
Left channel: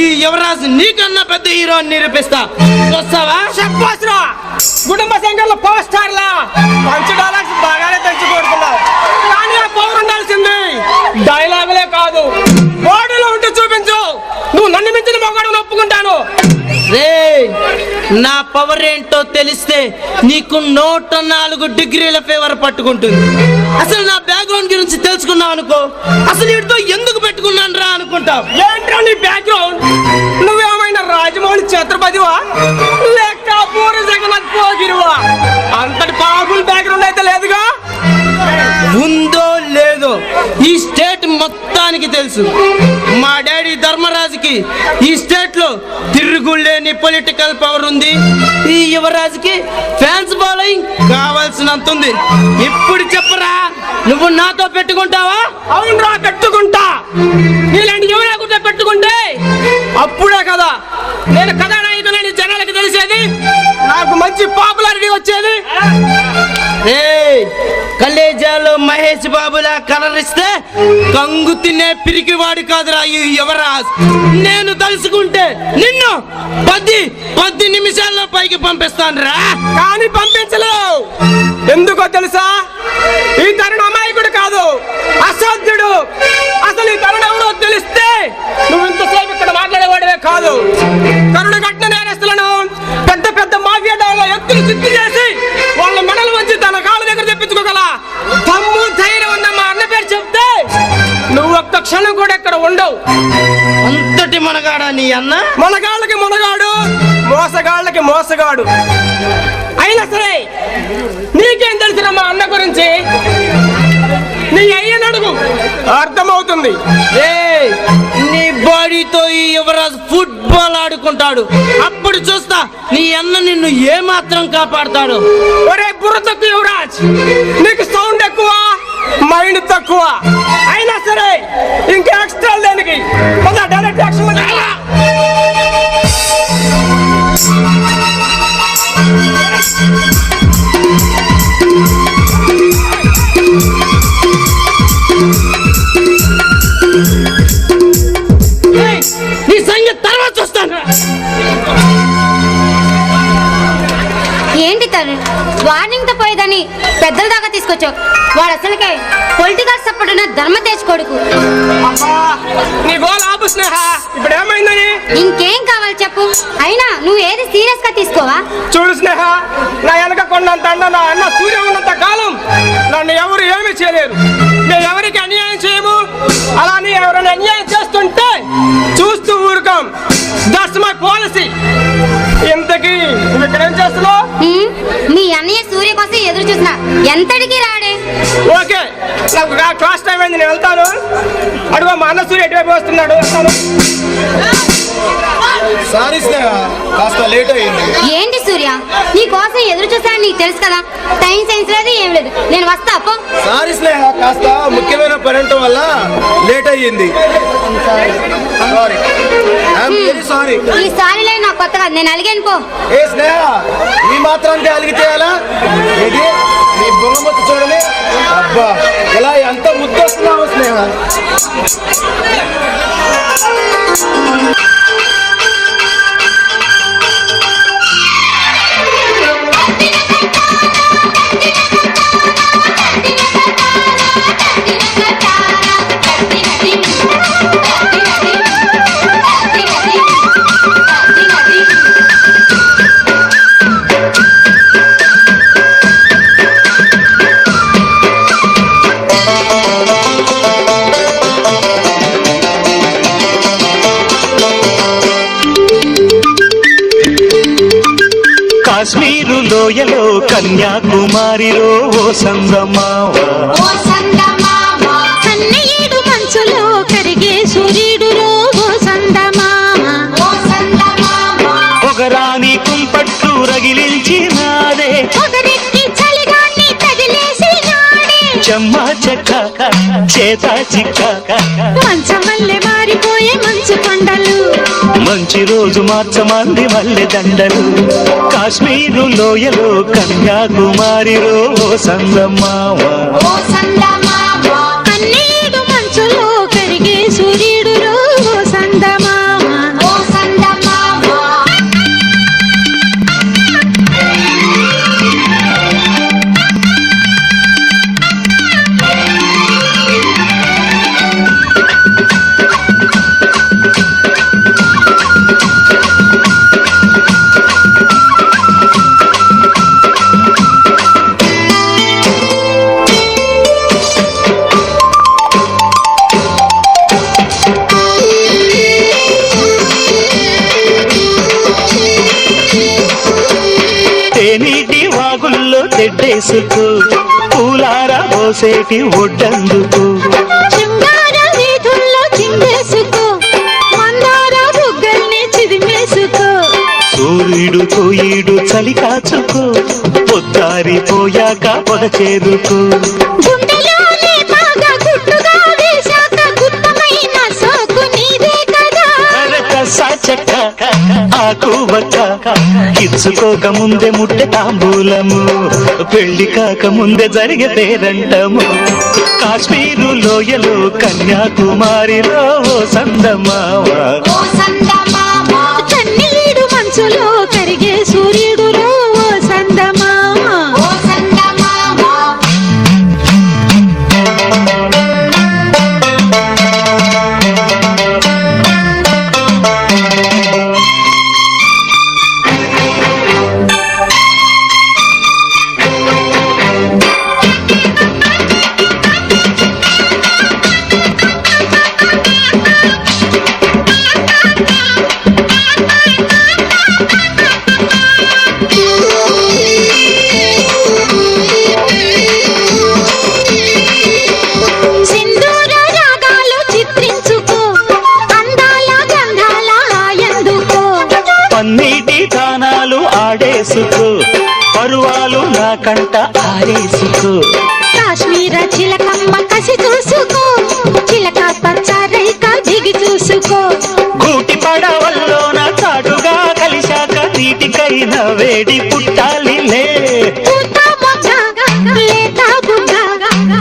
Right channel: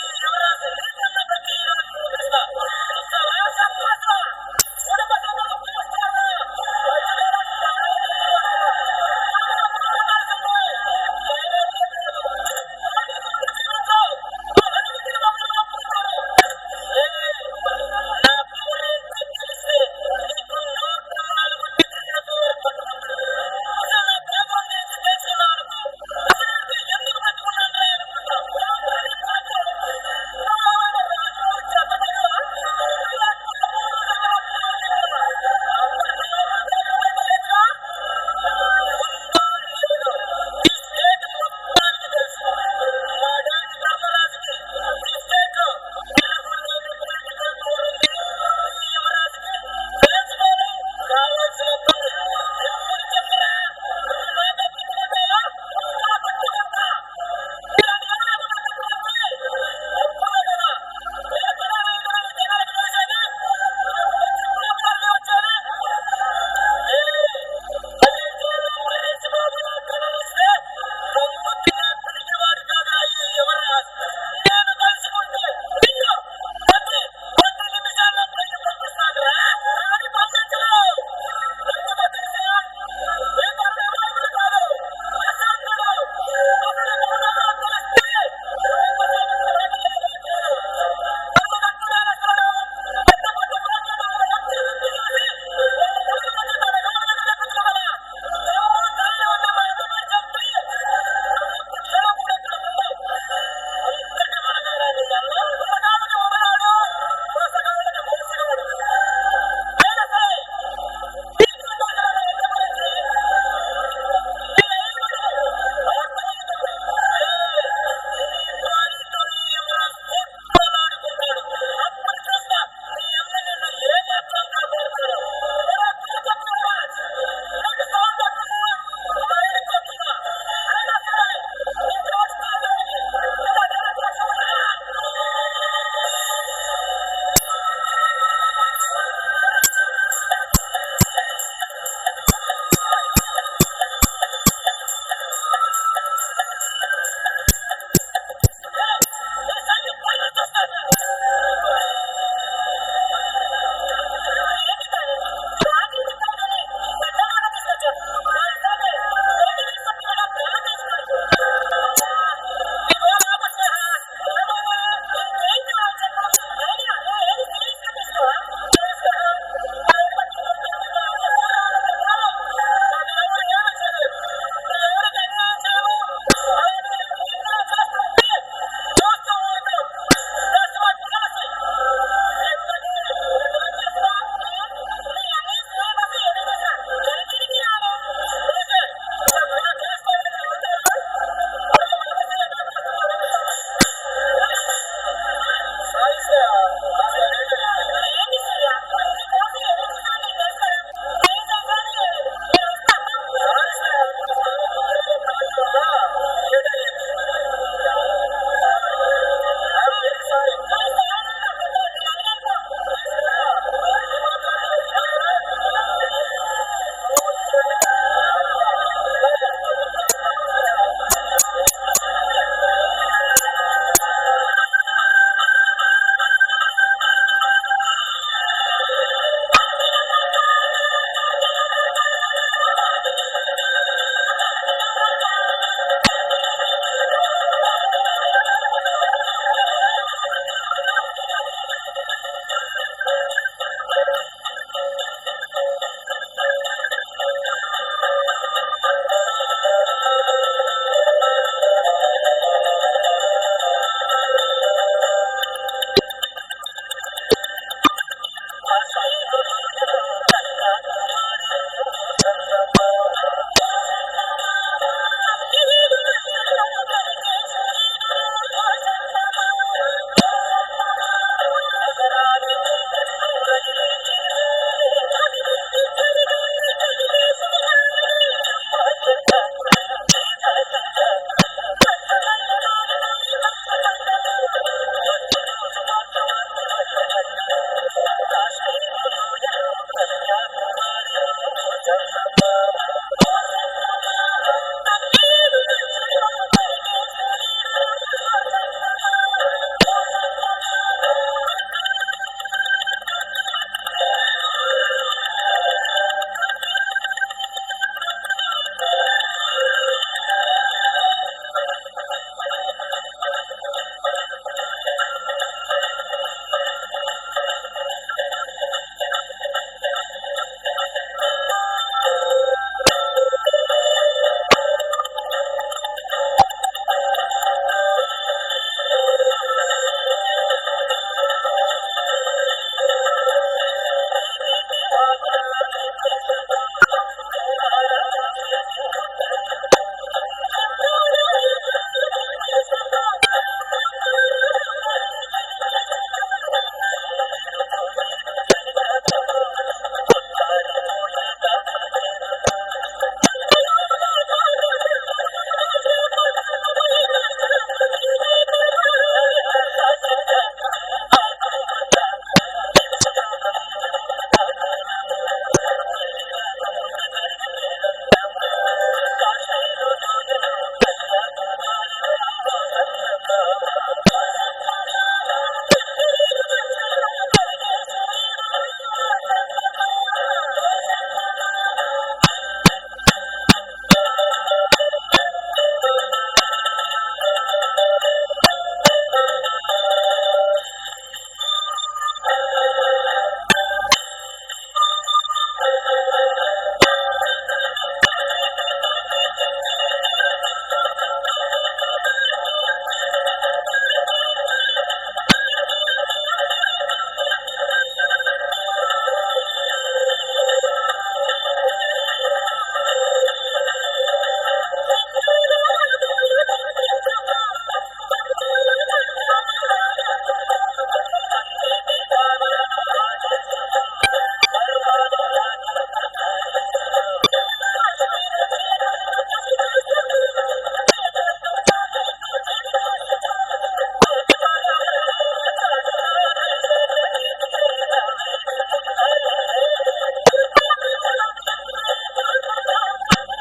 ఈ యువరాజు నీకన్నా పెద్ద హీరో అని నిరూపిస్తా. చూస్తావా? చెప్పాసురా, కుటుంబ సంఘంలో పవర్ స్టార్ లా మంచి డైలాగ్స్ బాగానే తెచ్చుకోడుతున్నావు. కానీ ఆ పవర్ ఉండాల్సింది డైలాగులే కాదు, బాడీలో ఉంటే చూపించు. నువ్వు నన్ను మించిన మొగాడు ఒప్పుకుంటాను. రేయ్, తెలిస్తే నీకు 104 డిగ్రీల ఫీవర్ పట్టుకుంటుంది. అసలు నా బ్యాక్గ్రౌండ్ గురించి తెలుసుకున్నావు అనుకో, అసలు వీటితో ఎందుకు పెట్టుకున్నాను రా అనుకుంటావు. ఏంట్రా నీ బ్యాక్గ్రౌండ్? నువ్వేమైనా రాజమౌళి ఛత్రపతివా లేక పూర్వ జగన్నాథ్ పోగిరివా? అంతటి పవర్ఫుల్ బ్యాక్గ్రౌండ్ అయితే లేదుగా. ఉందో లేదో ఈ స్టేట్ మొత్తానికి తెలుసు. మా డాడీ ధర్మరాజుకి ఈ స్టేట్ లో తిరుగులేని పొలిటికల్ పవర్ ఉంది. ఈ యువరాజుకి ఫ్యాన్స్ ఫాలోయింగ్ కావాల్సినంత ఉంది. ఇప్పుడు చెప్పరా, నువ్వు నాతో పెట్టుకుంటావా? అవునరా, పెట్టుకుంటా. ఇలాంటి యువరాకుతో పెట్టుకుంటే అప్పుడే కదా నేను కథానాయకులని జనాలకి తెలిసేది, నాకు మంచి పాపులారిటీ వచ్చేది. కలేజాలో మహేష్ బాబులా కలరిస్తే కంగు తినే పిరికివాడు కాదురా ఈ యువరాజ్. నేను తలుసుకుంటే నిన్ను 10 నిమిషాల్లో పైకి పంపిస్తాను రా. కానీ పంపించలేవు. ఎందుకో తెలుసా? ఈ తరుణ అమాయకుడు కాదు, అసాధ్యుడు. అసలు ఈ తరుణ ఎవరో తెలిస్తే నువ్వు ఇంతసేపు ఇక్కడ మాట్లాడేవాడివే కాదు. కరుణ కట్టిన నేరస్తులను పెద్ద పెద్ద మాఫియా డాన్లో ఎత్తులు సిద్ధి చేసి వాళ్ళ మెడలు వచ్చి తన కాళ్ళ దగ్గర తెప్పించుకోగల దమ్ము ధైర్యం ఉన్న మా అన్న పేరు చెప్తే నువ్వు ఒక్క క్షణం కూడా ఇక్కడ ఉండవు. అంతటి మనగాడా నీ అన్న? మనగాళ్ళకి మునగాడు, మోసగాళ్ళకి మోసగాడు. అయినా సరే నీకేం తెలుసురా మా అన్న గురించి? నీ అయ్యని అడుగు, అర్థమవుతుంది. నీ బాడీతో ఈ యువరాజ్ ఫుట్బాల్ ఆడుకుంటాడు. అప్పుడు చూస్తా నీ అన్న నిన్ను ఏ మాత్రం కాపాడతాడు. ఒరే బుర్ర తక్కువ యువరాజ్, నీకు సౌండ్ ఎక్కువ, మైండ్ తక్కువ. అయినా సరే ఇంకా ఎక్స్ట్రా దేనికి? Direct action. నీ సంగతి తర్వాత చూస్తాను. ఏంటి తను వార్నింగ్ తో పోయేదని పెద్దల దాకా తీసుకొచ్చావు. వాడు అసలుకే పొలిటికల్ సపోర్ట్ ఉన్న ధర్మతేజ్ కొడుకు. నీ గోల్ ఆపు స్నేహ. ఇప్పుడు ఏమైందని? ఇంకేం కావాలి చెప్పు. అయినా నువ్వు ఏది సీరియస్ గా తీసుకోవా? చూడు స్నేహ, నా వెనక కొండంత అండ నా అన్న సూర్య ఉన్నంత కాలం నన్ను ఎవరు ఏమి చేయలేరు. మేము ఎవరికి అన్యాయం చేయము. అలానే ఎవరైనా అన్యాయం చేస్తుంటే చూస్తూ ఊరుకోం. That's my policy. ఇంతకీ నువ్వు ఇక్కడ ఏం చేస్తున్నావు? మీ అన్నయ్య సూర్య కోసం ఎదురు చూసిన ఎంతటికి రాడే. ఓకే, నాకు క్లాస్ టైం అయింది, నేను వెళ్తాను. అడుగు మా అన్న సూర్య ఎటువైపు వస్తున్నాడు. వెళ్తాను. సారీ స్నేహ, కాస్త లేట్ అయ్యింది. ఏంటి సూర్య, నీ కోసం ఎదురు చూసాను, నీకు తెలుసు కదా. టైం సెన్స్ లేదు, ఏం లేదు. నేను వస్తా అప్పో. సారీ స్నేహ, కాస్త ముఖ్యమైన పని ఉండటం వల్ల లేట్ అయ్యింది. Sorry, I'm very sorry. ఈ సారీలో నాకు కొత్త కాదు, నేను అలిగాను పో. ఏ స్నేహ, ఈ మాత్రానికి అలిగితే ఎలా? ఇది నీ బొమ్మతి చూడని. అబ్బా, ఇలా ఎంత ముద్దొస్తున్నావు స్నేహ. కాశ్మీరు లోయలో కన్యాకుమారిలో ఓ సందమావ, కన్నయ్యేడు మంచులో కరిగే సూర్యుడులో ఓ సందమామ. పొగరాని కుంపట్లు రగిలించినాదే, పొగరెక్కి చలిగాన్ని తగిలేసినాడే. చెమ్మ చెక్క చేత చిక్క, మంచం వల్లే మారిపోయే మంచు కొండలు. మంచి రోజు మార్చమంది మల్లె దండలు. కాశ్మీరు లోయలో కన్యాకుమారిలో ఓ సందమావ, కన్నయ్యేడు మంచులో కరిగే సూర్యుడులో ఓ సందమామ. పోసేటి ఒడ్డందుకు శృంగార వీధుల్లో చిందేసుకో మందార బుగ్గల్ని చిదిమేసుకో సూర్యుడుతో ఈడు చలి కాచుకో పొద్దారిపోయాక పొద చేరుకో గుండెలోనే బాగా గుట్టుగా వేశాక గుత్తమైన సోకు నీదే కదా చెక్క ఆకు బక్క ఇచ్చుకోక ముందే ముట్టె తాంబూలము పెళ్లి కాక ముందే జరిగే పేరంటము కాశ్మీరు లోయలో కన్యాకుమారిలో సందమావ కన్నీడు మంచులో కరిగే సూర్యుడులో ఓ సందమామ సింధూర రాగాలు చిత్రించుకో అందాల గంధాల హాయందుకో పన్నీటి తానాలు ఆడేసుకో పరువాలు నా కంట ఆరేసుకో కాశ్మీర చిలకమ్మ కసి చూసుకో చిలక పచ్చ రేఖ దిగి చూసుకో గూటి పడవల్లోన చాటుగా కలిశాక నీటికైనా వేడి పుట్టాలిలే పూత మొగ్గ లేత బుగ్గ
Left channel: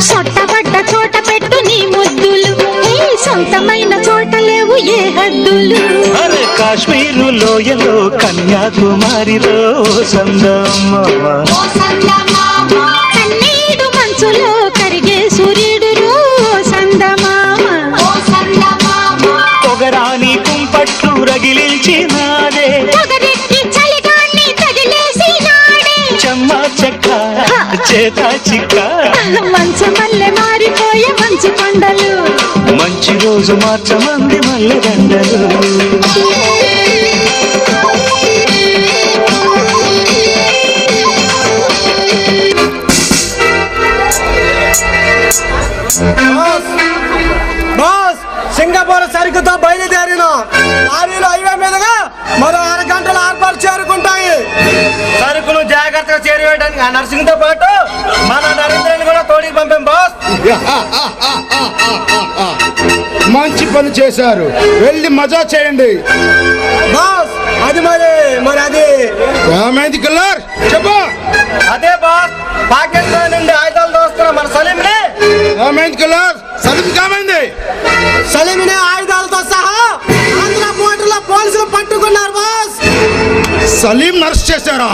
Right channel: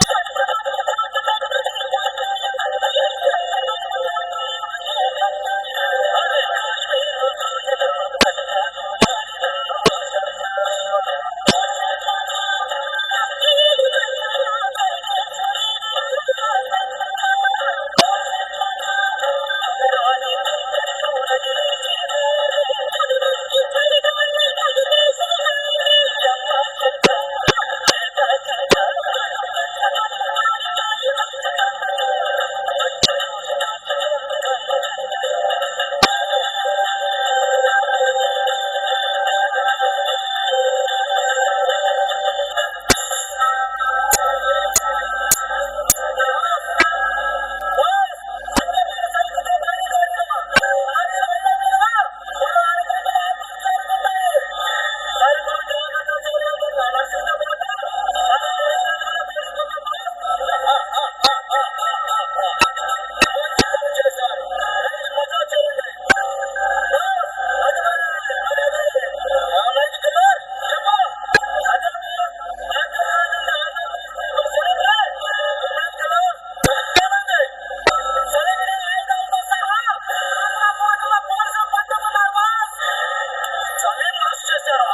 సొట్టబడ్డ చోట పెట్టు నీ ముద్దులు ఈ సొంతమైన చోట లేవు ఏ హద్దులు అరే కాశ్మీరు లోయలో కన్యాకుమారిలో సందమామ కన్నీడు మంచులో కరిగే సూర్యుడులో సందమామ పొగరాని కుంపట్లు రగిలించినాదే పొగరెక్కి చలిగాన్ని తగిలేసినాడే చెమ్మ చెక్క చేత చిక్క మంచు మల్లె మారిపోయే మంచు కొండలు మంచి రోజు మార్చమంది మల్లె దండలు బాస్ సింగపూర్ సరుకుతో బయలుదేరిన లారీలు హైవే మీదుగా మరో అరగంటలో ఏర్పాటు చేరుకుంటాయి సరుకును జాగ్రత్తగా చేరువేయడానికి ఆ నర్సింగ్తో పాటు మన నరేంద్రని కూడా తోడికి పంపాం బాస్ మంచి పని చేశారు, వెళ్ళి మజా చేయండి. బాస్ అది మరి అది ఏమైంది కిల్లర్ చెప్పు. అదే బాస్ పాకిస్తాన్ నుండి ఆయుధాలు దోస్తున్న మన సలీంని ఏమైంది కిల్లర్ సలీం ఏమైంది? సలీంని ఆయుధాలతో సహా ఆంధ్ర బోర్డర్లో పోలీసులు పట్టుకున్నారు బాస్. సలీం నర్స్ చేశారా?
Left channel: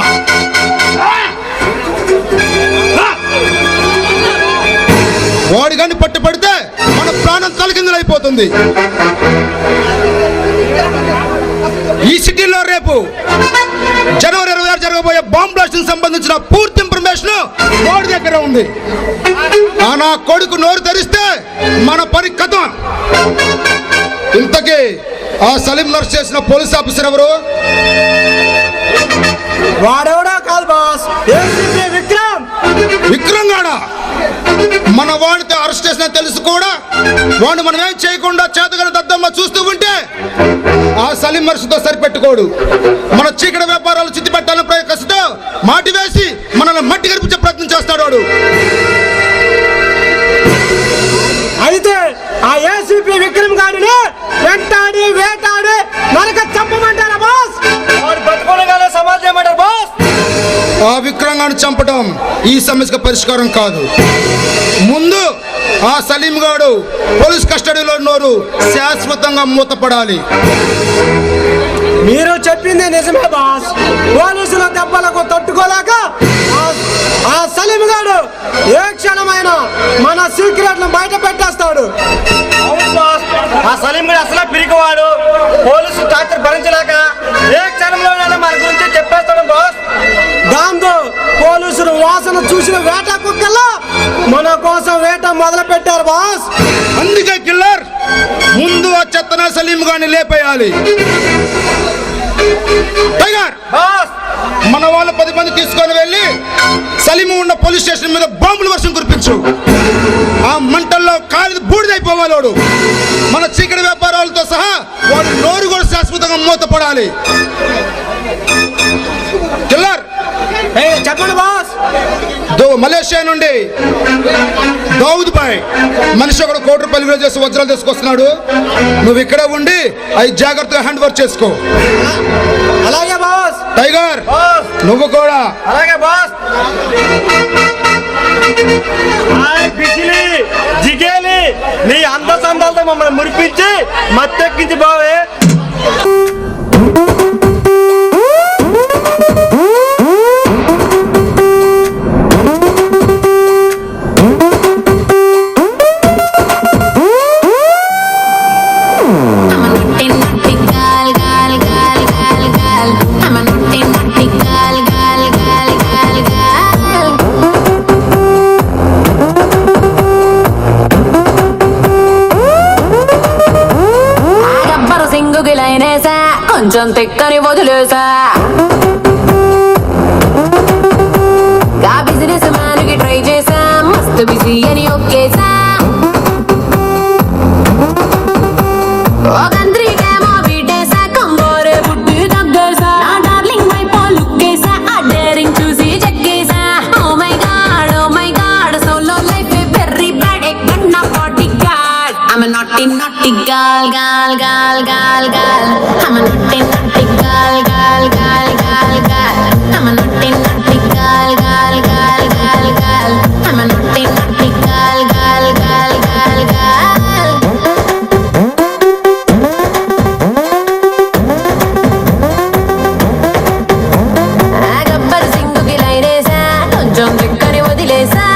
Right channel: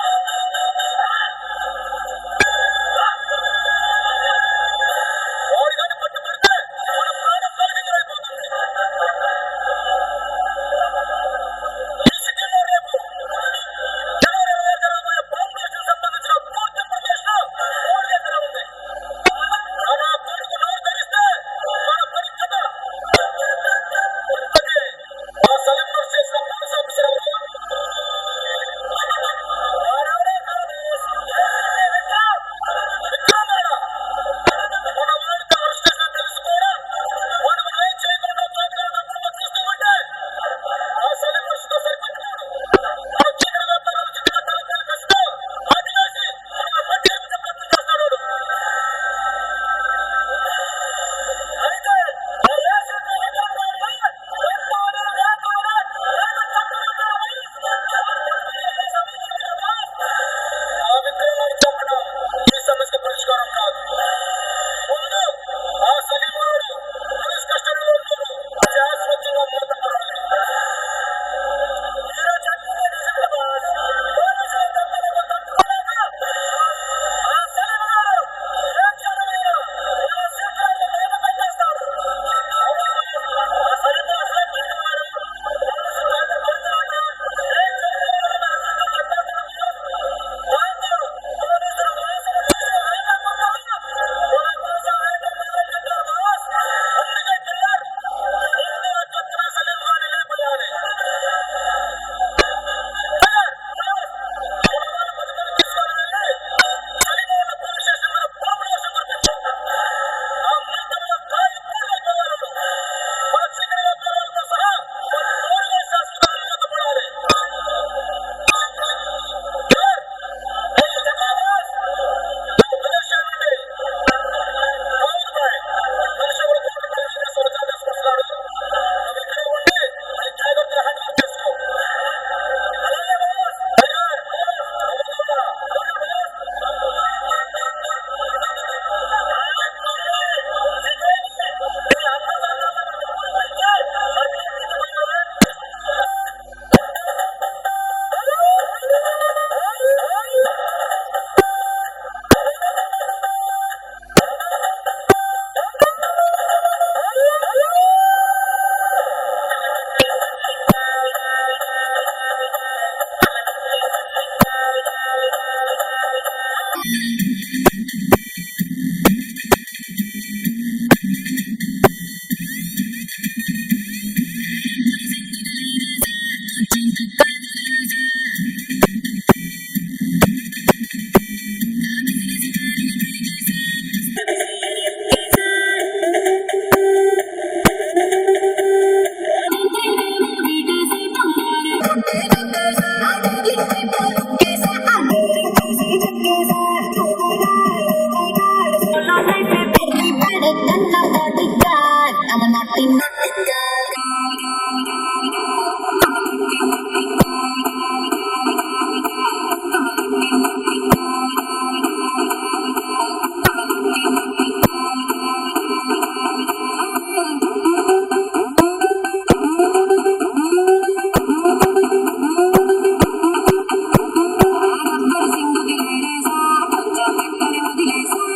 వాడి కానీ పట్టుపడితే మన ప్రాణం తలకిందులైపోతుంది. ఈ సిటీలో రేపు జనవరి 26 జరగబోయే బాంబ్ బ్లాస్టింగ్ సంబంధించిన పూర్తి ఇన్ఫర్మేషన్ వాడి దగ్గర ఉంది. ఆ నా కొడుకు నోరు తెరిస్తే మన పని కథ. ఇంతకీ ఆ సలీం నర్స్ చేసిన పోలీస్ ఆఫీసర్ ఎవరు? వాడెవడో కాదు బాస్, ఏసీపీ విక్రమ్. విక్రమ్ గాడా? మన వాడితో అరెస్ట్ చేసిన తెలుసు కూడా వాడిని మనం ఏం చేయకుండా చేతగల దద్దమ్మ చూస్తూ ఉంటే ఆ సలీం నర్సుతో సరిపెట్టుకోడు. మన చీకటి వ్యాపారాలు చిత్తి పెట్టాలని ప్రయత్నిస్తూ మాటి వేసి మనల్ని మట్టి గడిపించే ప్రయత్నం చేస్తాడు వాడు. అయితే ఆ ఏసీపీ విక్రమ్ గారిని వెంటాడి వేటాడి నరక చంపమంటారా బాస్? వాడు బతుకోనగానే సమాజం చేయమంటారు బాస్. ఆ విక్రమ్ గారిని చంపడం ఈ సమస్యకు పరిష్కారం కాదు. ముందు ఆ సలీం గాడు పోలీస్ కస్టడీలో నోరు శాశ్వతంగా మూతపడాలి. మీరు చెప్పింది నిజమే బాస్. పోలీసుల దెబ్బలకు తట్టుకోలేక ఆ సలీం గాడు ఏ క్షణమైనా మన సీక్రెట్ బయట పెట్టేస్తాడు. అవును బాస్, ఆ సలీం గారు అసలే పిరికివాడు. పోలీసు టార్చర్ భరించలేక ఏ క్షణంలోనైనా మన గురించి చెప్పేస్తాడు బాస్. దాంతో పోలీసులు వాసన చూసిన వేట కుక్కల్లో మన కోసం వేట మొదలు పెట్టారు బాస్. అందుకే కిల్లర్ ముందు ఆ చెత్తన సలీం గారిని లేపేయాలి. టైగర్ బాస్, మన వాళ్ళు 10 మంది తీసుకొని వెళ్ళి సలీం ఉన్న పోలీస్ స్టేషన్ మీద బాంబుల వర్షం కురిపించు. మాలోడు. మన చీకటి వ్యాపారాలతో సహా వాడి నోరు కూడా శాశ్వతంగా మూతపడాలి. కిల్లర్ చెప్పండి బాస్. మలేషియా నుండి దావుద్ భాయ్ మనిషి ఒకడు ₹1 కోటి చేసి వజ్రాలు తీసుకొస్తున్నాడు. నువ్వు ఇక్కడే ఉండి అవి జాగ్రత్తగా హ్యాండ్ వర్క్ చేసుకో. అలాగే బాస్. టైగర్ నువ్వు కూడా. అలాగే బాస్. బిజిలి జిగేలి నీ అంద సందాలతో మమ్మల్ని మురిపించి మత్తెక్కించి బావే. కొంచెం తెక్కని వదిలేసా బిజినెస్ మ్యాన్ కి ట్రై చేసా మస్తు బిజీ అని ఒక్కేసా ఒకంత్రికేమో బీటేసా కంగోరే పుట్టి తగ్గేసా నా డార్లింగ్ వైపో లుక్కేసా ఆ డేరింగ్ చూసి చెక్కేసా oh my god solo life ఏ వెరీ బ్యాడ్ ఏ కన్నా bodyguard I'm a naughty girl I'm a naughty girl I'm a naughty girl I'm a naughty Gabbar సింగుకి లైనేసా కొంచెం దిక్కని వదిలేసా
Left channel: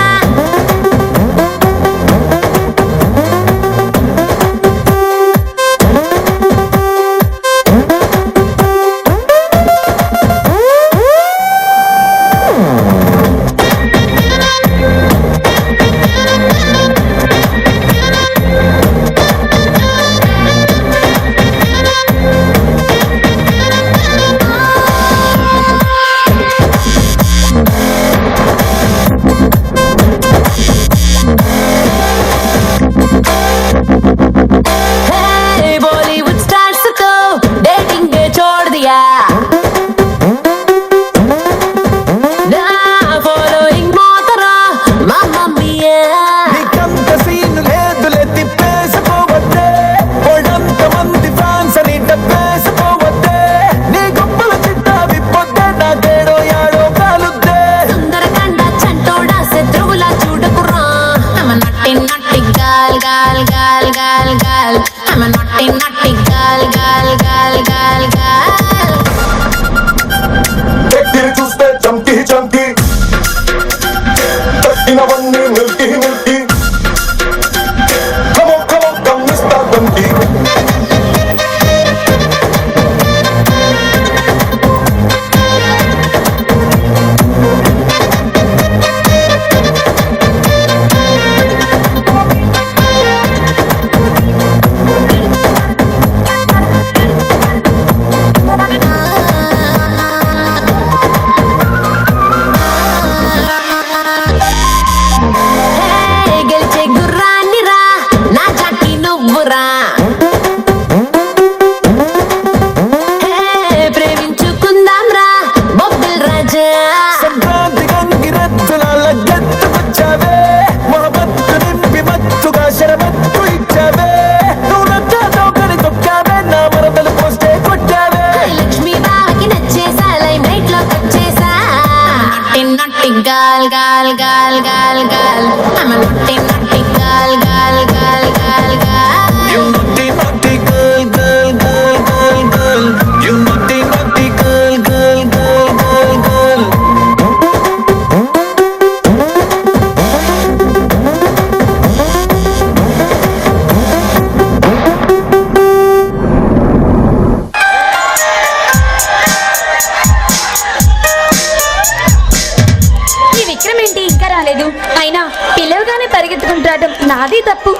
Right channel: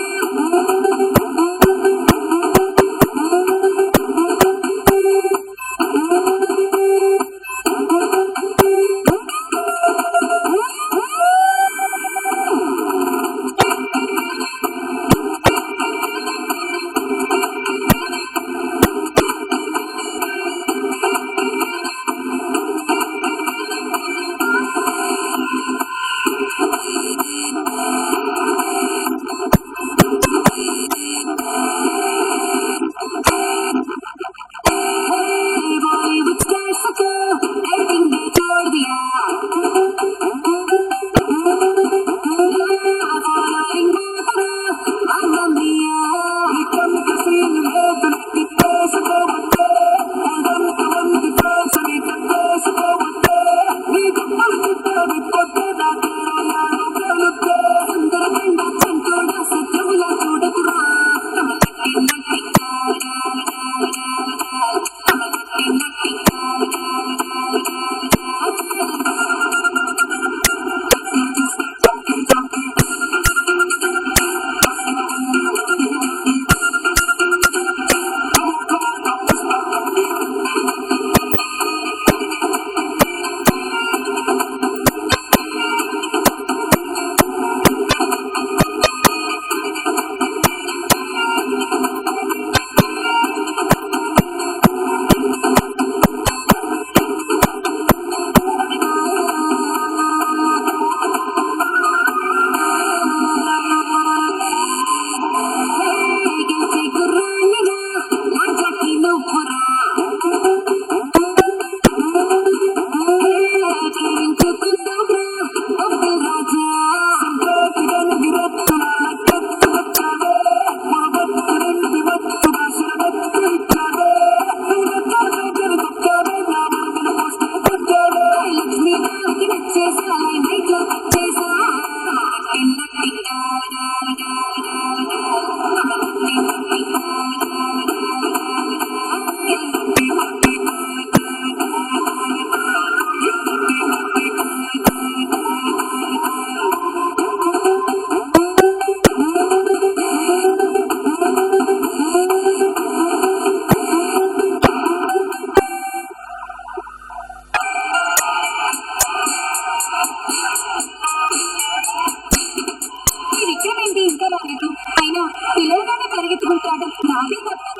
అయినా పిలవగానే పరిగెత్తుకుంటాడం నాది తప్పు.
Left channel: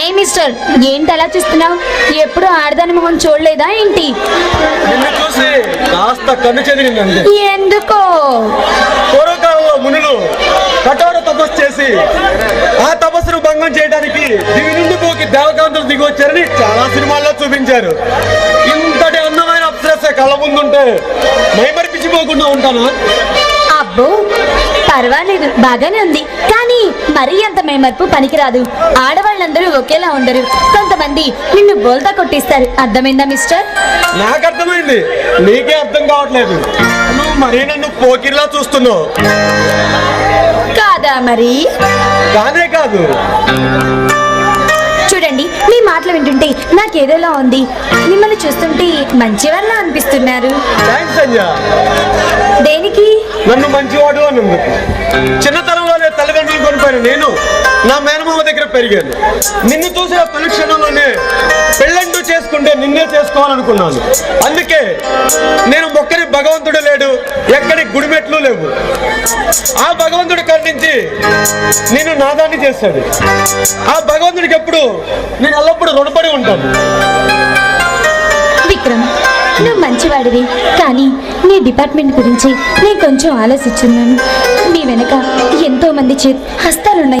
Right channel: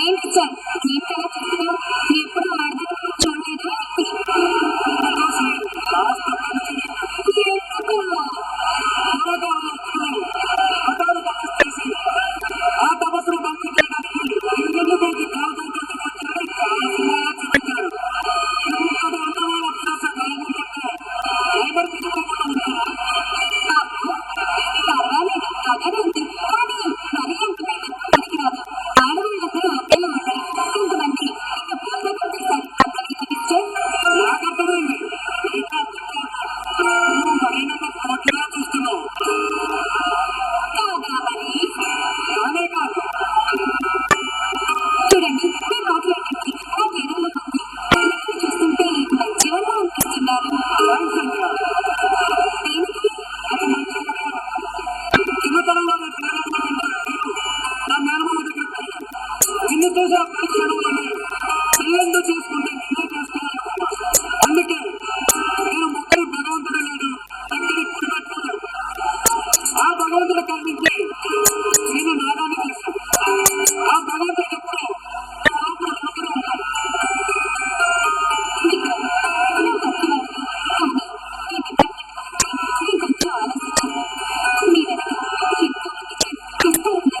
ఏ మిస్టర్, ఏంటి అలా చూస్తున్నావు? ఎప్పుడు ఆడదాని మొహం చూడలేదా ఏంటి? నిన్ను చూసి కాస్త కన్ను చెదిరిందండి. ఎందుకో? పూర్వకాలంలో మునులు కఠోర తపస్సు చేసి ఆ తపస్సును భంగం చేయడానికి దివి నుండి పోకి దేవకాంతులు దిగి వచ్చారని చాలా సినిమాల్లో చూపించారు. ఇంతటి అందమైన అప్సరస కళ్ళ ముందుంటే మైమరిపించిపోకుండా ఉంటానా? అబ్బో పర్వాలేదు, బాగానే ఉంది. కానీ మరీ అంత మేమర్పు పనికిరాదు. ఆడవాళ్ళందరూ ఒకేలా ఉండరు. కొంతమంది నిన్ను బోల్తా కొట్టిస్తారు. అర్థమైందా మిస్టర్? నాకు అర్థమైంది, నీకే అర్థం కావట్లేదు. నువ్వు మరీ నన్ను పోకిర్లా చూస్తున్నావు. కాదా మరి? కానే కాదు. చూడండి, మీ మాటలు వింటుంటే నాకేదోలా ఉంది. మిమ్మల్ని చూస్తుంటే మంచివాళ్ళ అనిపిస్తున్నారు. థ్యాంక్స్ సంజయ్. దేనికి? నన్ను మంచివాడు అన్నందుకు. చిన్నతనంలోనే తల్లిదండ్రులు కొనిపోయిన నేను నా మేనమామ దగ్గర పెరిగాను. నిన్ను చూసిన తొలి క్షణంలోనే పెళ్ళంటూ చేసుకుంటే నిన్నే చేసుకోవాలనుకున్నాను. అందుకే నేను మొక్కని భగవంతుడు లేడు, ఎక్కడి గుడిమెట్లు లేవు. ఆ భగవంతుడు కరుణించి నేను నాదాన్ని చేశాడు. ఆ భగవంతుడికి ఎప్పుడు నేను ఎల్లప్పుడూ రుణపడి ఉంటాను. విక్రమ్, నువ్వు మంచివాడివి. కానీ నీ డిపార్ట్మెంట్ గురించి నేను కొంచెం ఆలోచిస్తున్నాను. మీ వెనక ఎంతో మంది హస్తాలున్నాయి.